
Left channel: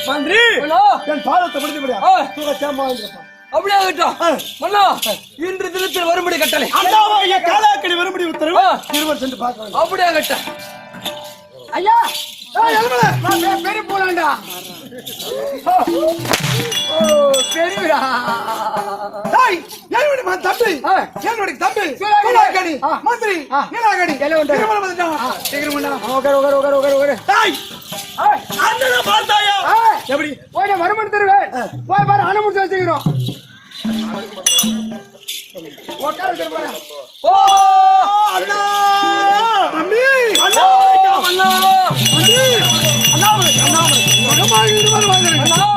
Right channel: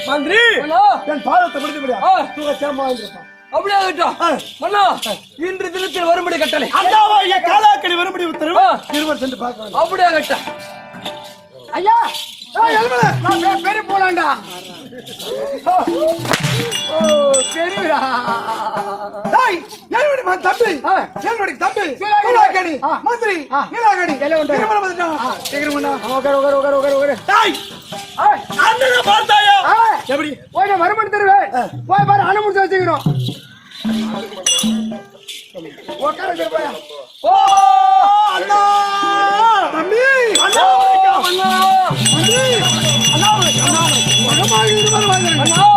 மந்திரி என் பாதத்தை படித்தபடியா சுகாட்சியமா இருப்பான். அப்படியே ஆகட்டும். மன்னா இன்று தினத்தில் வரும்படி கட்டளை. அண்ணாவாகிய காலாக்கடி வரும்படி உத்தரவு இருவர் சென்று பார்க்க வேண்டும். அப்படியே ஆகட்டும். ஐயா பெரிய போலாண்டா. பெரியடா தம்பி என்னுடைய தம்பி நீலாகணி மந்திரி நீலாகணி திருமணம் வந்துட்டான். பார்த்தாயா எப்படி போய் வருமானம் தருவேன். போய் பாரு அனுமதி வச்சுக்கிறோம். ஓ அண்ணா தம்பி அண்ணா மன்னா தம்பி அண்ணா மகமாக இருவர் வாங்க. மன்னா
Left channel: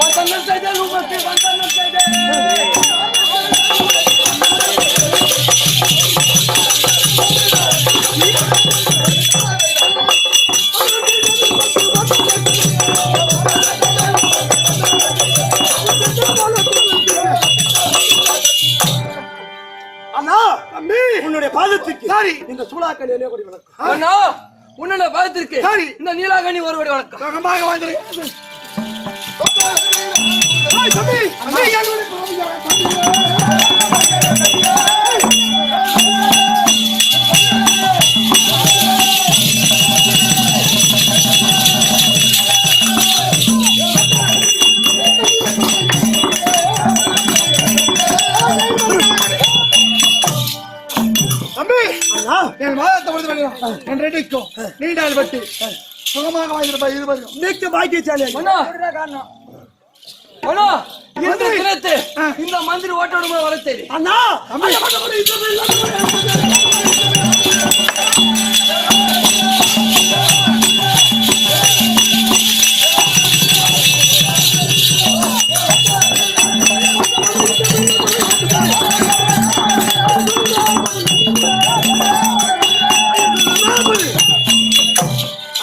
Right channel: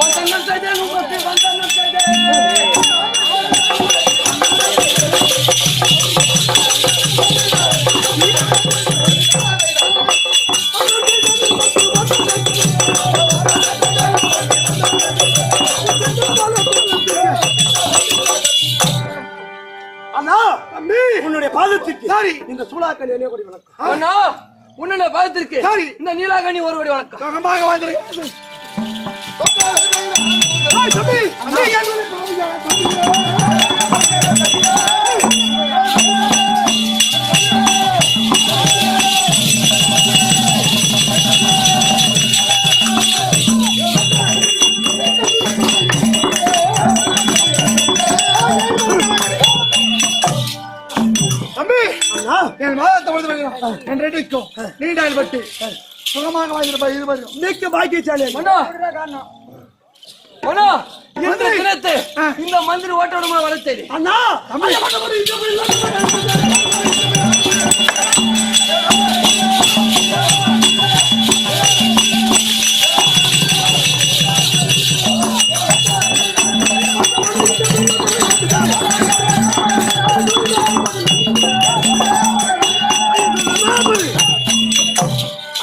வந்தனம் செய்தே உங்களுக்கு வந்தனம் செய்தே. அண்ணா தம்பி உன்னுடைய பாதத்துக்கு சரி இந்த சூளாக்கல் எல்லைய கொடி வணக்கம். அண்ணா உன்னை பார்த்திருக்கு. சரி இந்த நீலாகணி ஒரு கோடி வணக்கம். மகமாக வாழ்ந்துரு. தம்பி தம்பி என் மாதத்தை என் ரெடிக்கும் நீண்டாயில் பட்டு சுகமாக வாங்கிருப்பா இருவரும் மிக்க பாக்கியசாலி இந்த மந்திரி ஓட்டோட வளர்த்தேன் அண்ணா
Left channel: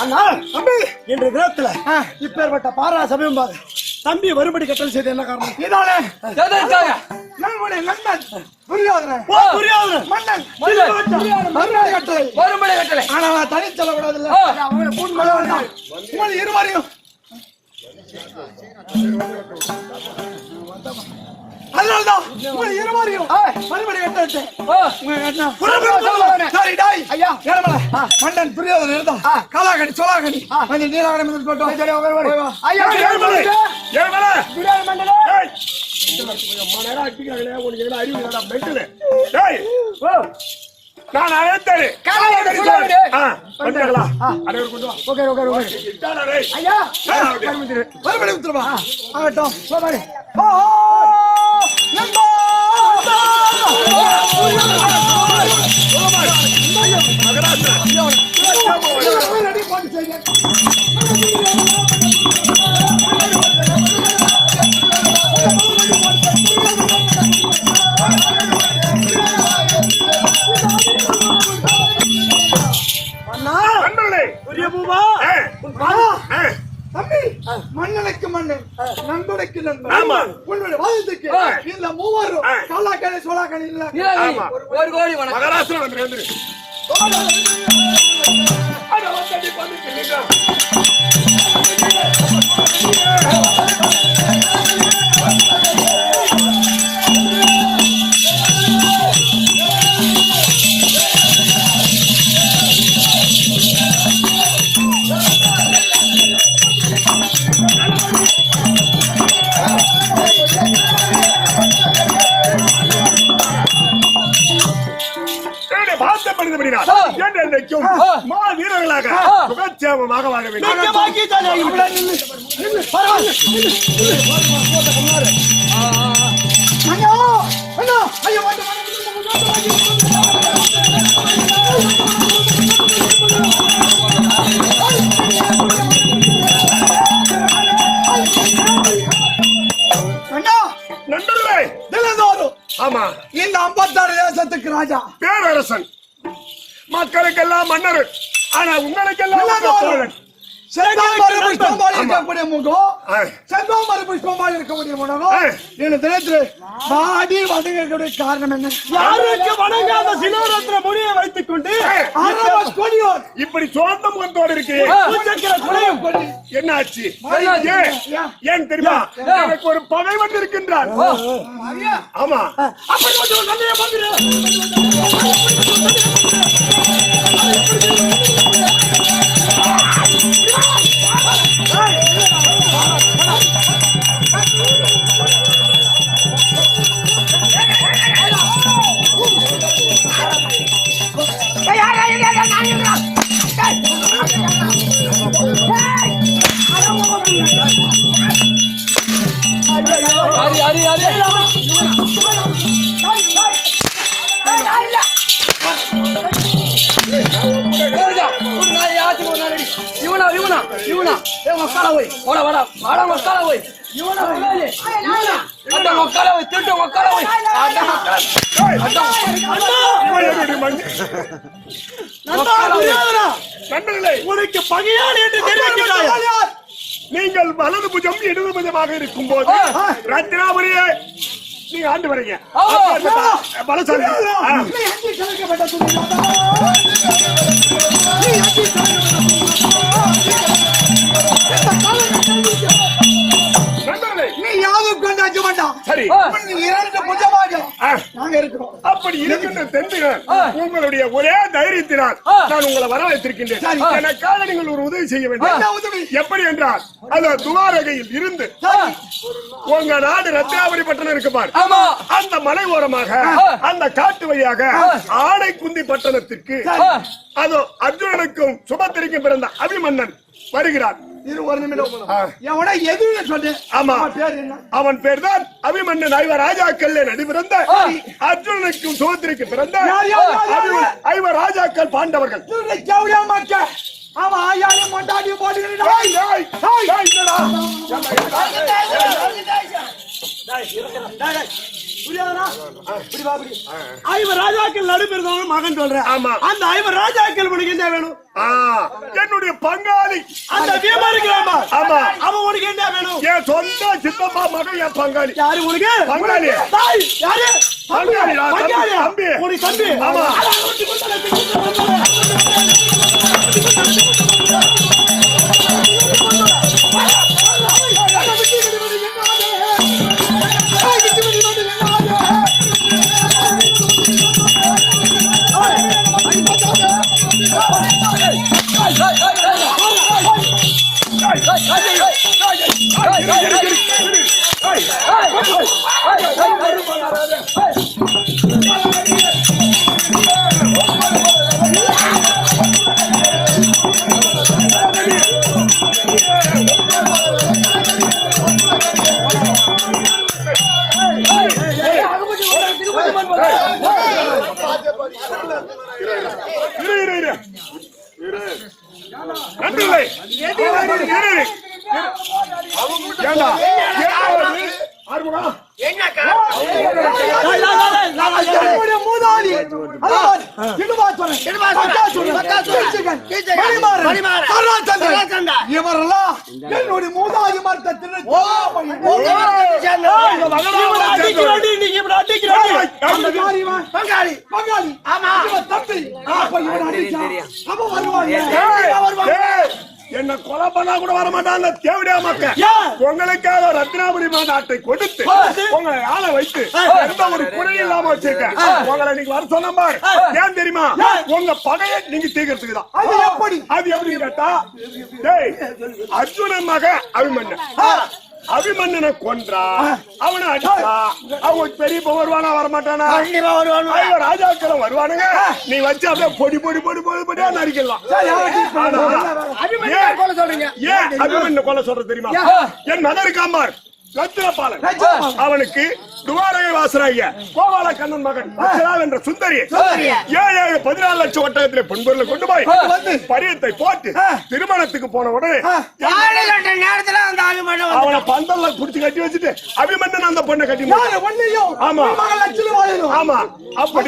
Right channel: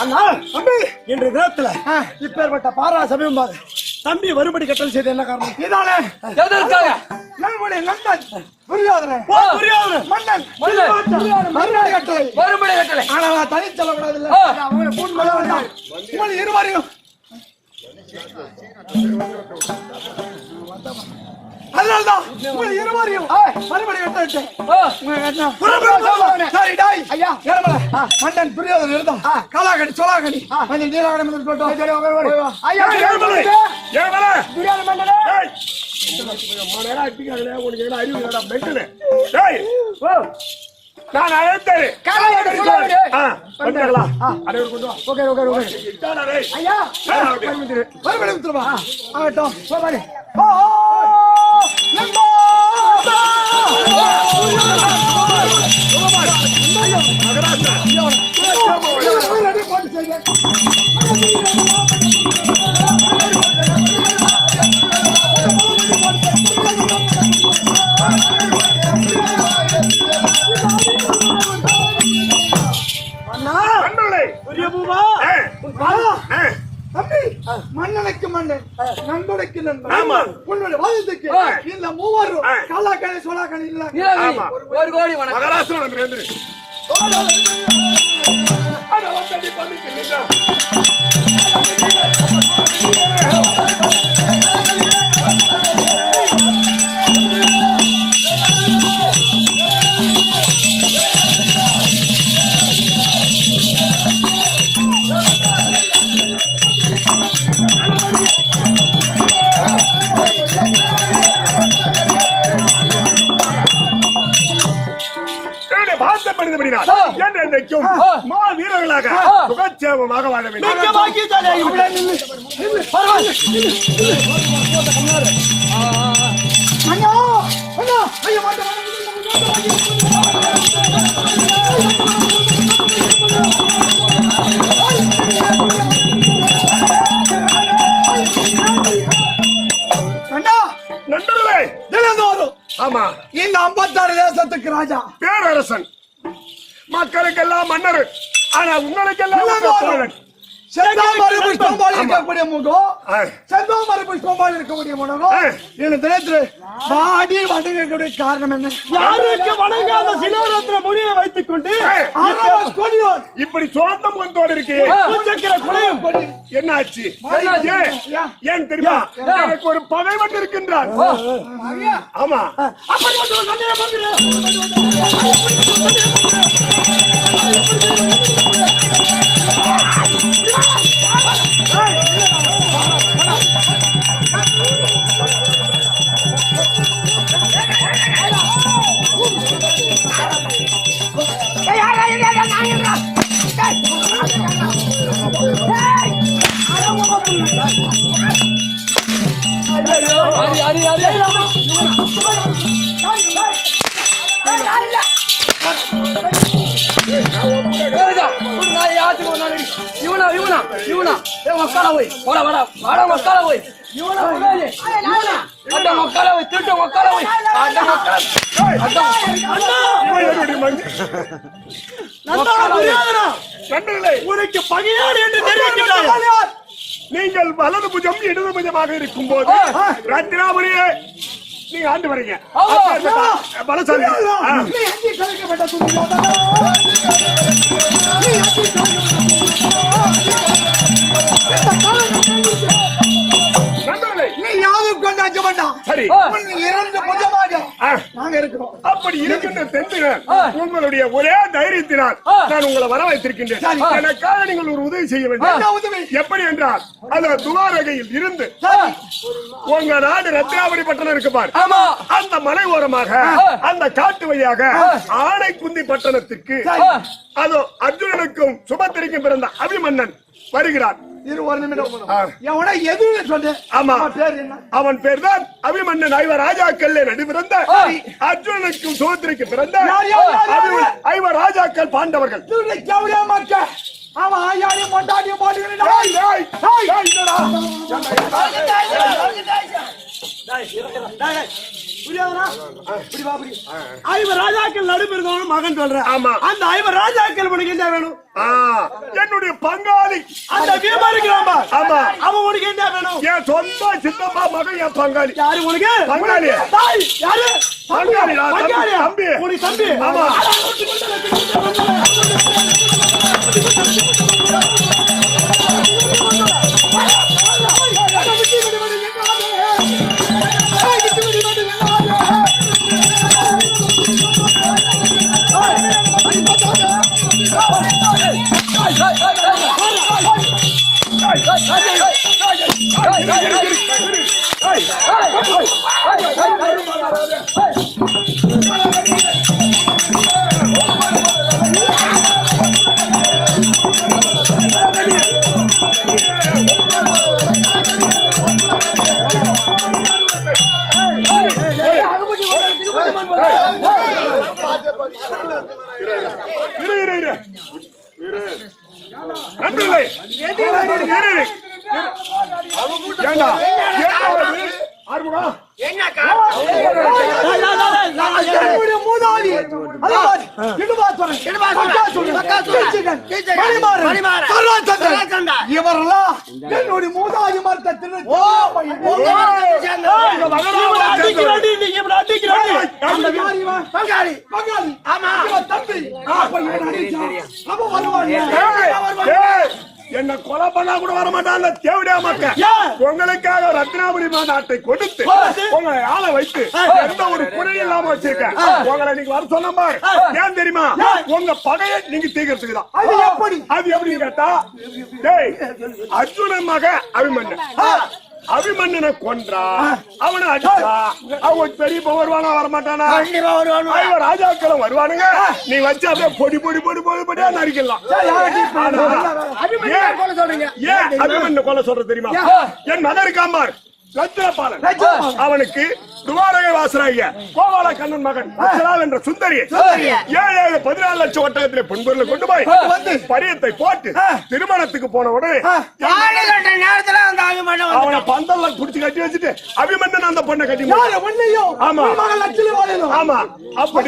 அண்ணா தம்பி இன்றைய தினத்துல இப்பேற்பட்ட பாரா சமயம் பாரு தம்பி வரும்படி கட்டளை செய்த என்ன காரணம் இதானே எதற்காக நம்முடைய நண்பன் புரியாதவன் புரியாதவன் மன்னன் கட்டளை வரும்படி கட்டளை ஆனா நான் தனி செல்லக்கூடாதுல்ல அவங்களை கூண்டு கொள்ள வேண்டாம் உங்களை இருவரையும் அதனால்தான் உங்களை இருவரையும் மறுபடி கட்டளை சரி டாய் ஐயா மன்னன் புரியாதவன் இருந்தா காலாகடி சோலாகடி மன்னன் நீலாகடி மன்னன் போட்டோம் ஐயா நான் அழைத்தேன் தம்பி மன்னனுக்கு மன்னன் நண்பனுக்கு நண்பன் உன்னுடைய வாதத்துக்கு இந்த மூவரும் காலாக்கணி சோலாக்கணி இல்ல ஒரு கோடி வணக்கம் மகாராஷ்டிரா வந்து வீரர்களாக சுகட்சேமமாக வாழ வேண்டும். நண்பர்களே, ஆமா இந்த 56 தேசத்துக்கு ராஜா பேரரசன், மக்களுக்கெல்லாம் மன்னர், ஆனா உங்களுக்கெல்லாம் தோழன். செந்தாமரை புஷ்பமாய் இருக்கக்கூடிய முகம் செந்தாமரை புஷ்பமாய் இருக்கக்கூடிய முகம் இந்த தினத்துல வாடி வணங்கக்கூடிய காரணம் என்ன? வணங்காத சிலோரத்ன முனியை வைத்துக் கொண்டு இப்படி சோர்ந்த முகத்தோடு இருக்கு. என்ன ஆச்சு? ஏன் தெரியுமா? எனக்கு ஒரு பகைவன் இருக்கின்றான். ஆமா, உனக்கு பகையாடு என்று தெரிவிக்கிறார். நீங்கள் வலது புஜம் இடது புஜமாக இருக்கும் போது ரத்னாபுரியே நீங்க ஆண்டு வரீங்க. பலசாலி நீ யாரும் கொண்டாக்க மாட்டான். சரி, இரண்டு புஜமாக நாங்க இருக்கிறோம். அப்படி இருக்கின்ற தெந்துகள் உங்களுடைய ஒரே தைரியத்தினால் நான் உங்களை வரவேற்றிருக்கின்றேன். எனக்காக நீங்கள் ஒரு உதவி செய்ய வேண்டும். எப்படி என்றால், அது துவாரகையில் இருந்து உங்க நாடு ரத்னாபுரி பட்டணம் இருக்கு பாரு, அந்த மலை ஓரமாக அந்த காட்டு வழியாக ஆனைக்குந்தி பட்டணத்திற்கு, அது அர்ஜுனனுக்கும் சுபத்திரிக்கும் பிறந்த அபிமன்னன் வருகிறான். இரு ஒரு நிமிடம். ஆ. எவனா எது சொல்லு. ஆமா. அவன் பேர் என்ன? அவன் பேர் தான் அபிமன்னன். ஐவர் ராஜாக்கள் நடிபிறந்த அர்ஜுனனுக்கும் சுமத்திரைக்கு பிறந்த ஐவர் ராஜாக்கள் பாண்டவர்கள். கேவடியா மாட்ட. ஆமா ஆயாலே மொண்டாடி போடுகிறீங்க. ஐவர் ராஜாக்கள் நடுப்பிருந்தவங்க மகன் சொல்றேன். ஆமா. அந்த ஐவர் ராஜாக்கள் உனக்கு என்ன வேணும்? என்னுடைய பங்காளி அந்த பீமா இருக்கிறாமா? ஆமா. அவன் உனக்கு என்ன வேணும்? என் சொந்த சித்தப்பா மகன் என் பங்காளி. யாரு உனக்கு? பங்காளி. யாரு? பங்காளி. தம்பி. உனக்கு தம்பி? ஆமா. நன்றில்லை. என்னுடைய மூதாதி மரத்தை பங்காளி பங்காளி. ஆமா தம்பி. என்ன கொலை பண்ணா கூட வர மாட்டான் தேவடியா மக்கள். உங்களுக்காக ரத்னாபுரி மாநாட்டை கொடுத்து உங்களை ஆளை வைத்து எந்த ஒரு குறை இல்லாம வச்சிருக்கேன். உங்களை நீங்க வர சொன்ன பாரு. ஏன் தெரியுமா? உங்க பகையை நீங்க தீர்க்கிறதுக்கு தான். அது எப்படின்னு கேட்டா, அர்ஜுனன் மக அபிமன்னன். அபிமன்னனை கொன்றா, அவனை அடிச்சா, அவங்க பெரிய வருவானா வரமாட்டானா? ராஜாக்களும் வருவானுங்க. நீ வச்சு அப்படியே பொடி பொடி பொடி பொடி பொடியா நரிக்கலாம். ஏன் அபிமன்ன கொலை சொல்ற தெரியுமா? என் மகன் இருக்காம்பார் ரத்னபாலன். அவனுக்கு துவாரகை வாசனாகிய கோபால கண்ணன் மகன் என்ற சுந்தரி 14 லட்சம் ஒட்டகத்திலே பொன்பொருளை கொண்டு போய் பரியத்தை போட்டு திருமணத்துக்கு போன உடனே அவனை பந்தல்ல புடிச்சு கட்டி வச்சுட்டு அபிமன்னன் அந்த பொண்ணை கட்டி. ஆமா ஆமா. அப்படி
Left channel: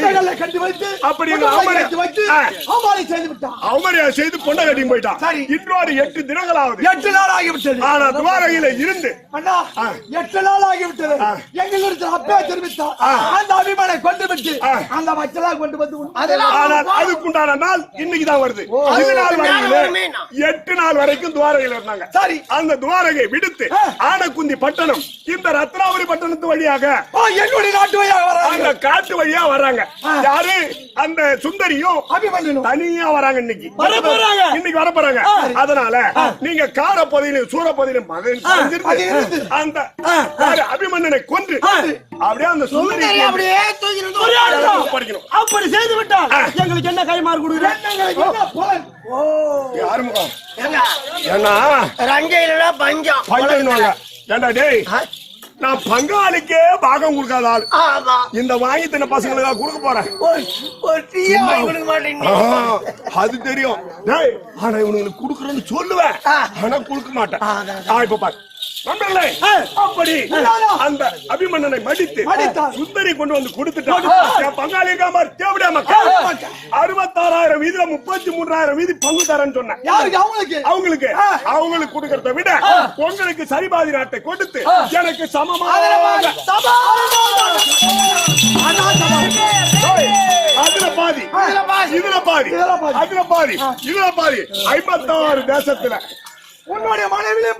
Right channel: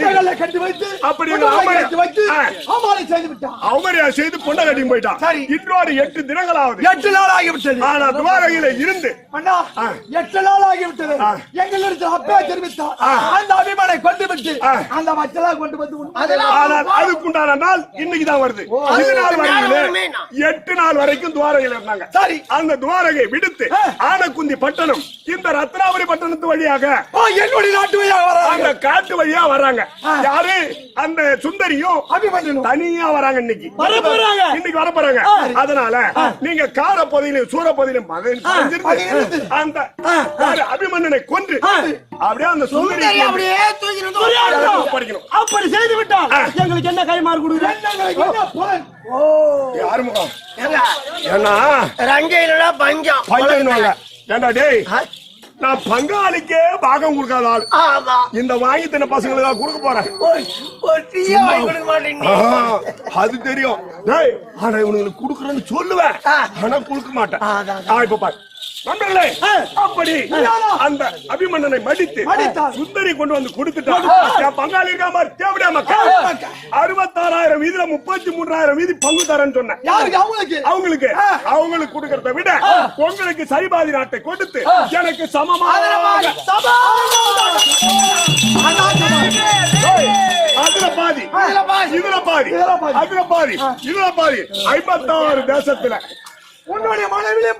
அவமரியா செய்து பொண்ணை கட்டி போயிட்டான். இன்னொரு 8 தினங்கள் ஆகுது. 8 நாள் ஆகிவிட்டது. ஆனா துவாரகையில இருந்து 8 நாள் ஆகிவிட்டது. எங்களுக்கு அப்பே தெரிவித்தார். அந்த அபிமானை கொண்டு விட்டு அந்த மக்களாக கொண்டு வந்து ஆனால் அதுக்குண்டான நாள் இன்னைக்கு தான் வருது. இது நாள் வரையில 8 நாள் வரைக்கும் துவாரகையில் இருந்தாங்க. சரி. அந்த துவாரகை விடுத்து ஆனக்குந்தி பட்டணம் இந்த ரத்னாபுரி பட்டணத்து வழியாக என்னுடைய நாட்டு வழியாக வர அந்த காட்டு வழியா வர்றாங்க. யாரு? அந்த சுந்தரியும் அபிமன்யனும் தனியா வராங்க. இன்னைக்கு வர போறாங்க. அதனால நீங்க கார பகுதியிலும் சூர பகுதியிலும் அந்த அபிமன்னனை கொன்று அப்படியே அந்த சுந்தரி படிக்கணும். அப்படி செய்து விட்டால் எங்களுக்கு என்ன கைமாறு கொடுக்குறேன்? ஆறுமுகம் ஏன்னா ரஞ்சையில பஞ்சம் பஞ்சம். ஏண்டா டேய், நான் பங்காளிக்கே பாகம் கொடுக்காத ஆள். இந்த வாங்கி தின பசங்களுக்கு கொடுக்க போறேன். அது தெரியும். ஆனா இவனுக்கு கொடுக்கறேன்னு சொல்லுவேன், ஆனா கொடுக்க மாட்டேன். இப்ப பாரு நண்பர்களே, அப்படி அந்த அபிமன்னனை மடித்து சுந்தரி கொண்டு வந்து கொடுத்துட்டான். பங்காளி தேவடியா மக்கள் 66,000 வீதியில 33,000 வீதி பங்கு தரேன்னு சொன்னேன். அவங்களுக்கு அவங்களுக்கு கொடுக்கறத விட உங்களுக்கு சரிபாதி நாட்டை கொடுத்து எனக்கு சமமாக அதுல பாதி இதுல பாதி அதுல பாதி இதுல பாதி 56 தேசத்துல உன்னுடைய மனைவிலே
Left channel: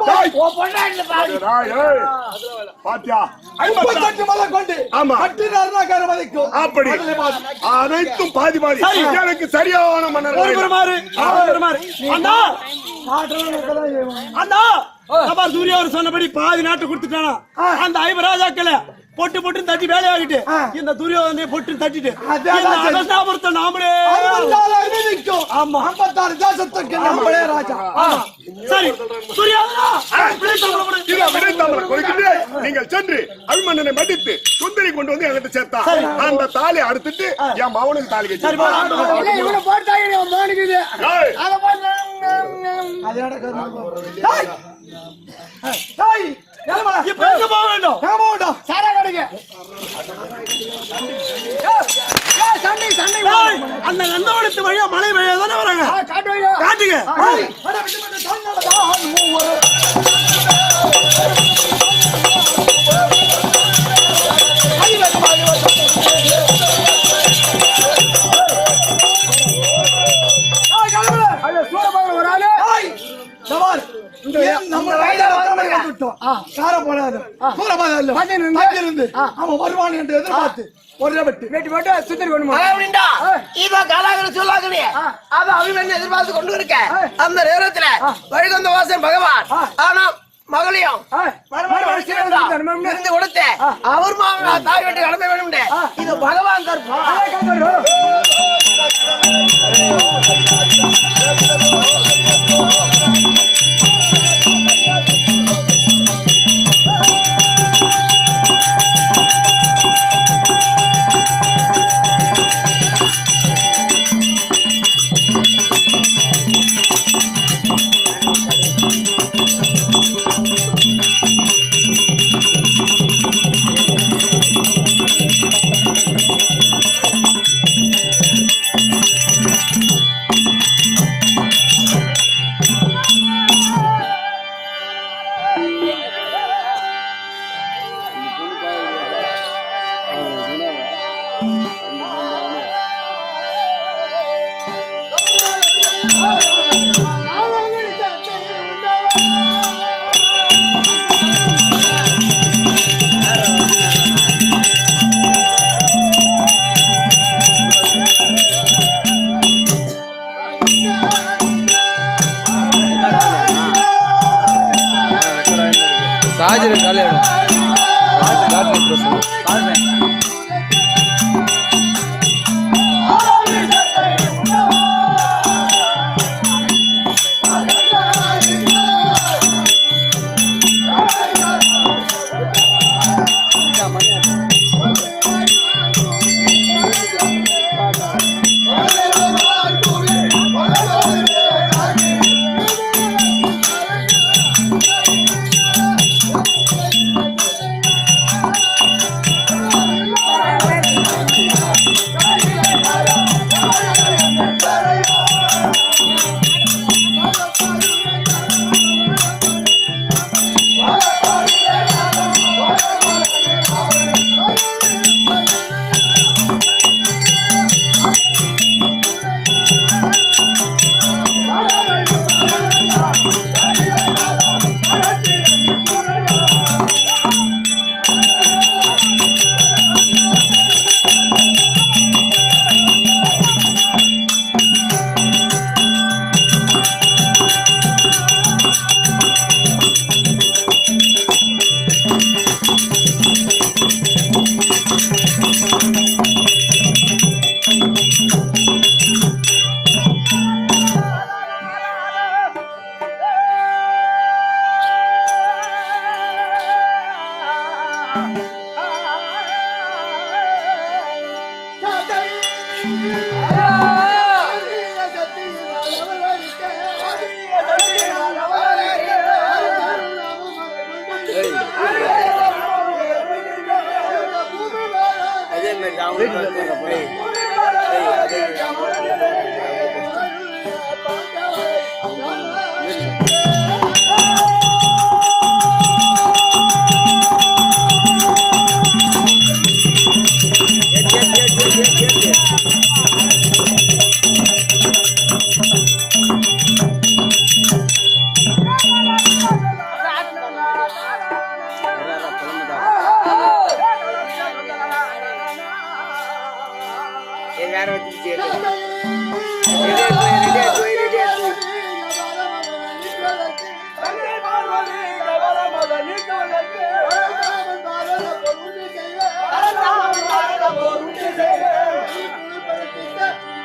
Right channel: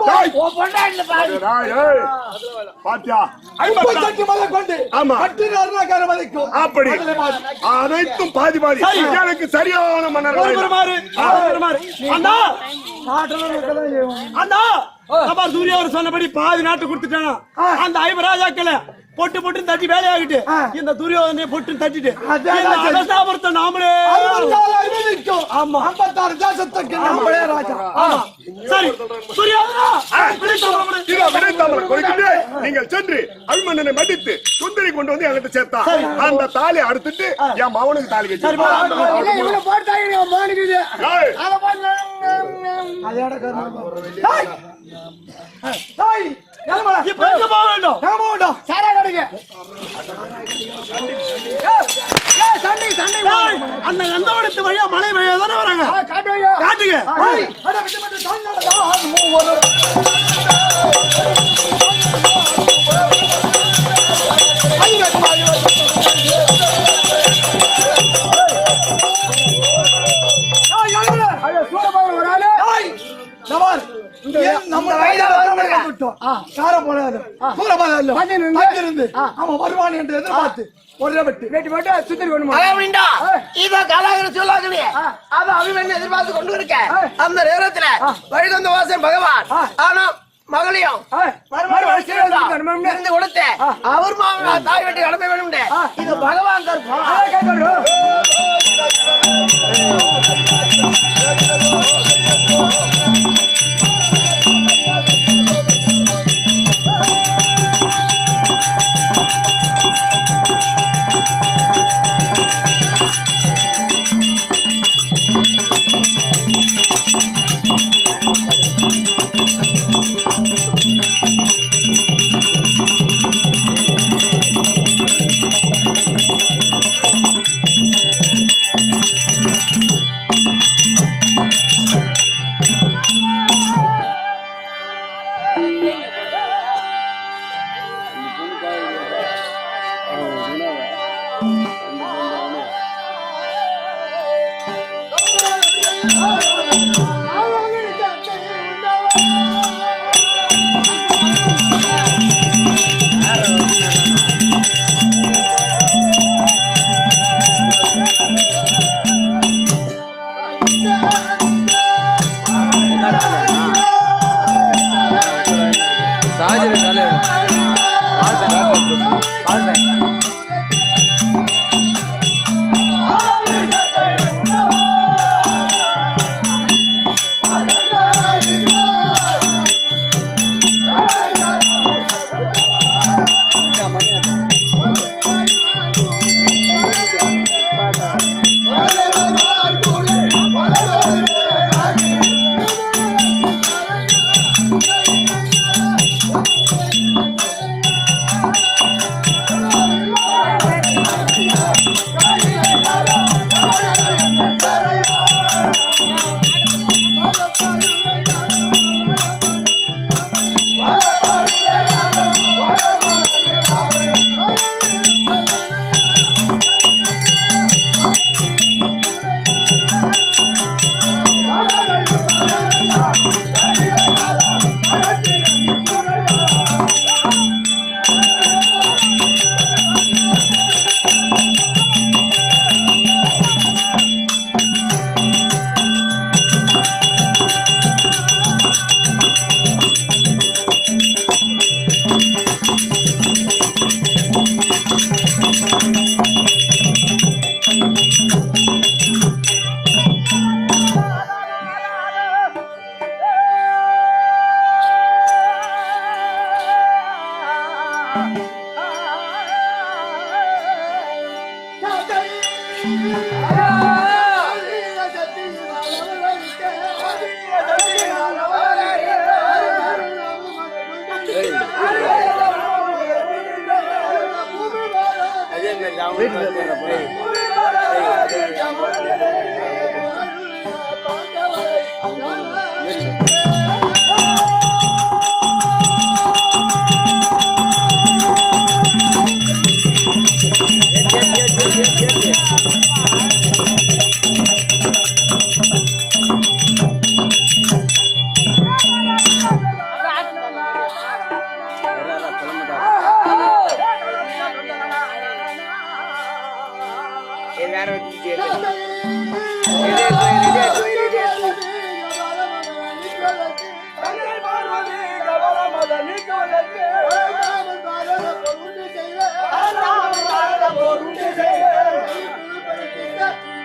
பாத்தியா அப்படி அனைத்தும் பாதி பாதி எனக்கு சரியான மன்னர். சூரிய சொன்னபடி பாதி நாட்டு கொடுத்துட்டானா அந்த 5 ராஜாக்களை பொட்டு பொட்டு தட்டி வேலையாகிட்டு இந்த துரியோதனை பொட்டு தட்டிட்டு நாமளே ஆமா 56 தேசத்துக்கு நம்மளே ராஜா. ஆமா சரி துரியோதனா விடைத்தாமரை கொடுக்கிட்டு நீங்கள் சென்று அபிமன்னனை மடித்து சுந்தரி கொண்டு வந்து என்கிட்ட சேர்த்தா அந்த தாலி அறுத்துட்டு என் மகனுக்கு தாலி கட்டி அந்த நந்தவனத்து வழியா மழை பெய்ய தானே வராங்க. காட்டுங்க அவன் வருவான் என்று எதிர்பார்த்து ஒரே வெட்டு எதிர்பார்த்து கொண்டு இருக்க அந்த நேரத்துல வைகுந்த வாசன் பகவான் ஆனா மகளையும் கொடுத்த அவர் தாய் வீட்டு கிளம்ப வேணும் இது பகவான்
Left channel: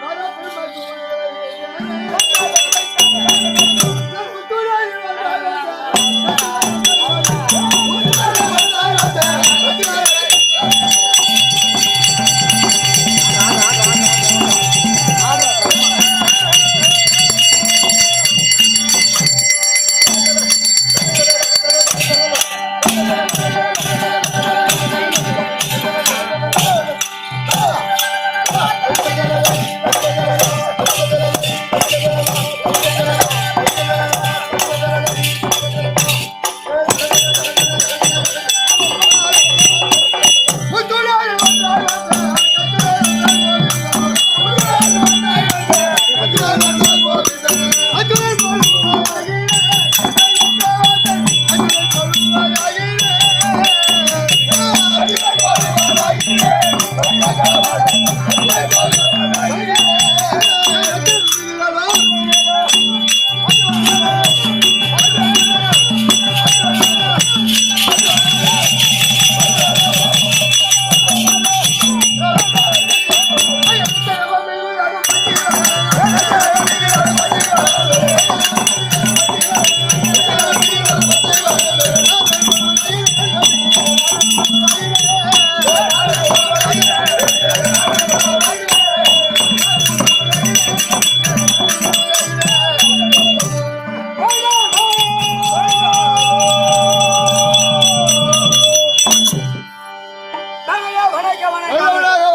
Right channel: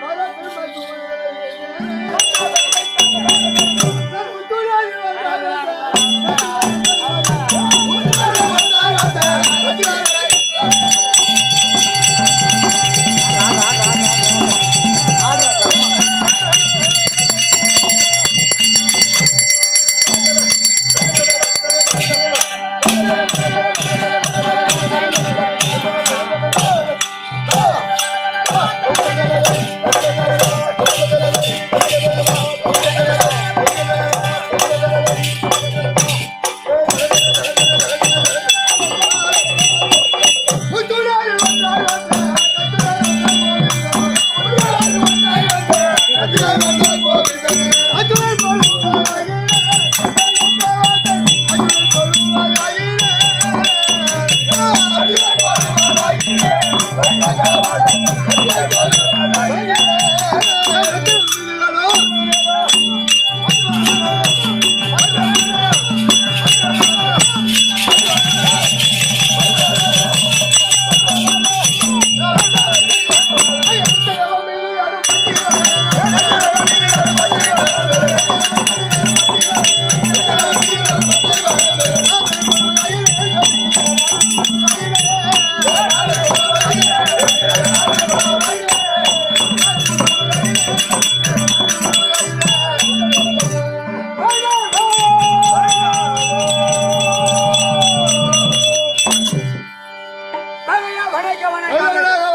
Para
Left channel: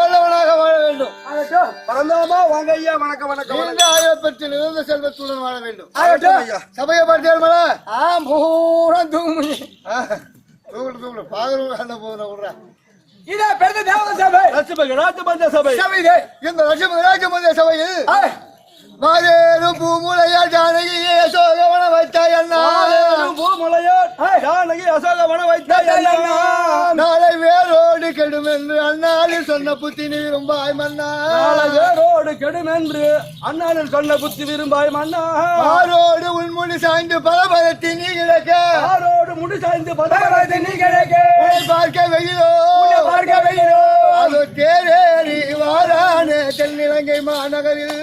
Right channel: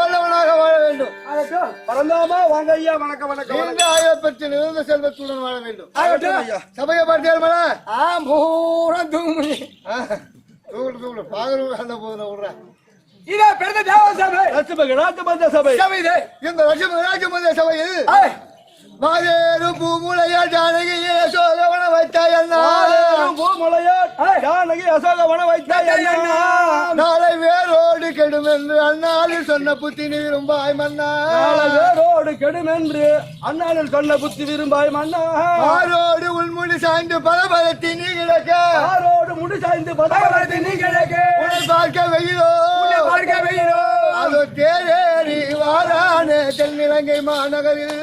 வல்லவனாக வாழ வேண்டும். பரந்தாமா வாங்க ஐயா. வணக்கம் வணக்கம் இந்த ஆயிரப்பட்டு நிறந்த செல்வத்துடன் வாழ வேண்டும். ஆகட்டும் ஐயா. சபையை பார்த்தேன் மல பூரா தூங்கு தூங்கல பாகரும் என்ன போதும் விடுறேன். இதே பெருந்த தேவ சபை ராஜமந்திர சபை. சபை இது. இந்த ராஜமந்திர சபையில் மாதேரும் பூமுலையா ஜானகியே சோகவன வைத்தாயண்ணா ஜானகி அசோகவன வைத்தாயண்ணா. நாளை வேரோடு கெடும் என்று அண்ணாளில் சொன்ன புத்தி விரும்பாய் மன்னா. வேரோடு கெடும் என்று அண்ணாளில் சொன்ன புத்தி விரும்பாய் மன்னா. ஆரோடு உள்முடி சாய்ந்து பலபலத்தி நீ கிடக்க. ஆரோடு முடி சாய்ந்து பலபலத்தி நீ கிடக்க. உன்னை பார்க்க வெயிலோ பார்க்க வெயிலோ. அதோ தேரேறி வாரானே தென்னிலங்கை மாநகரில்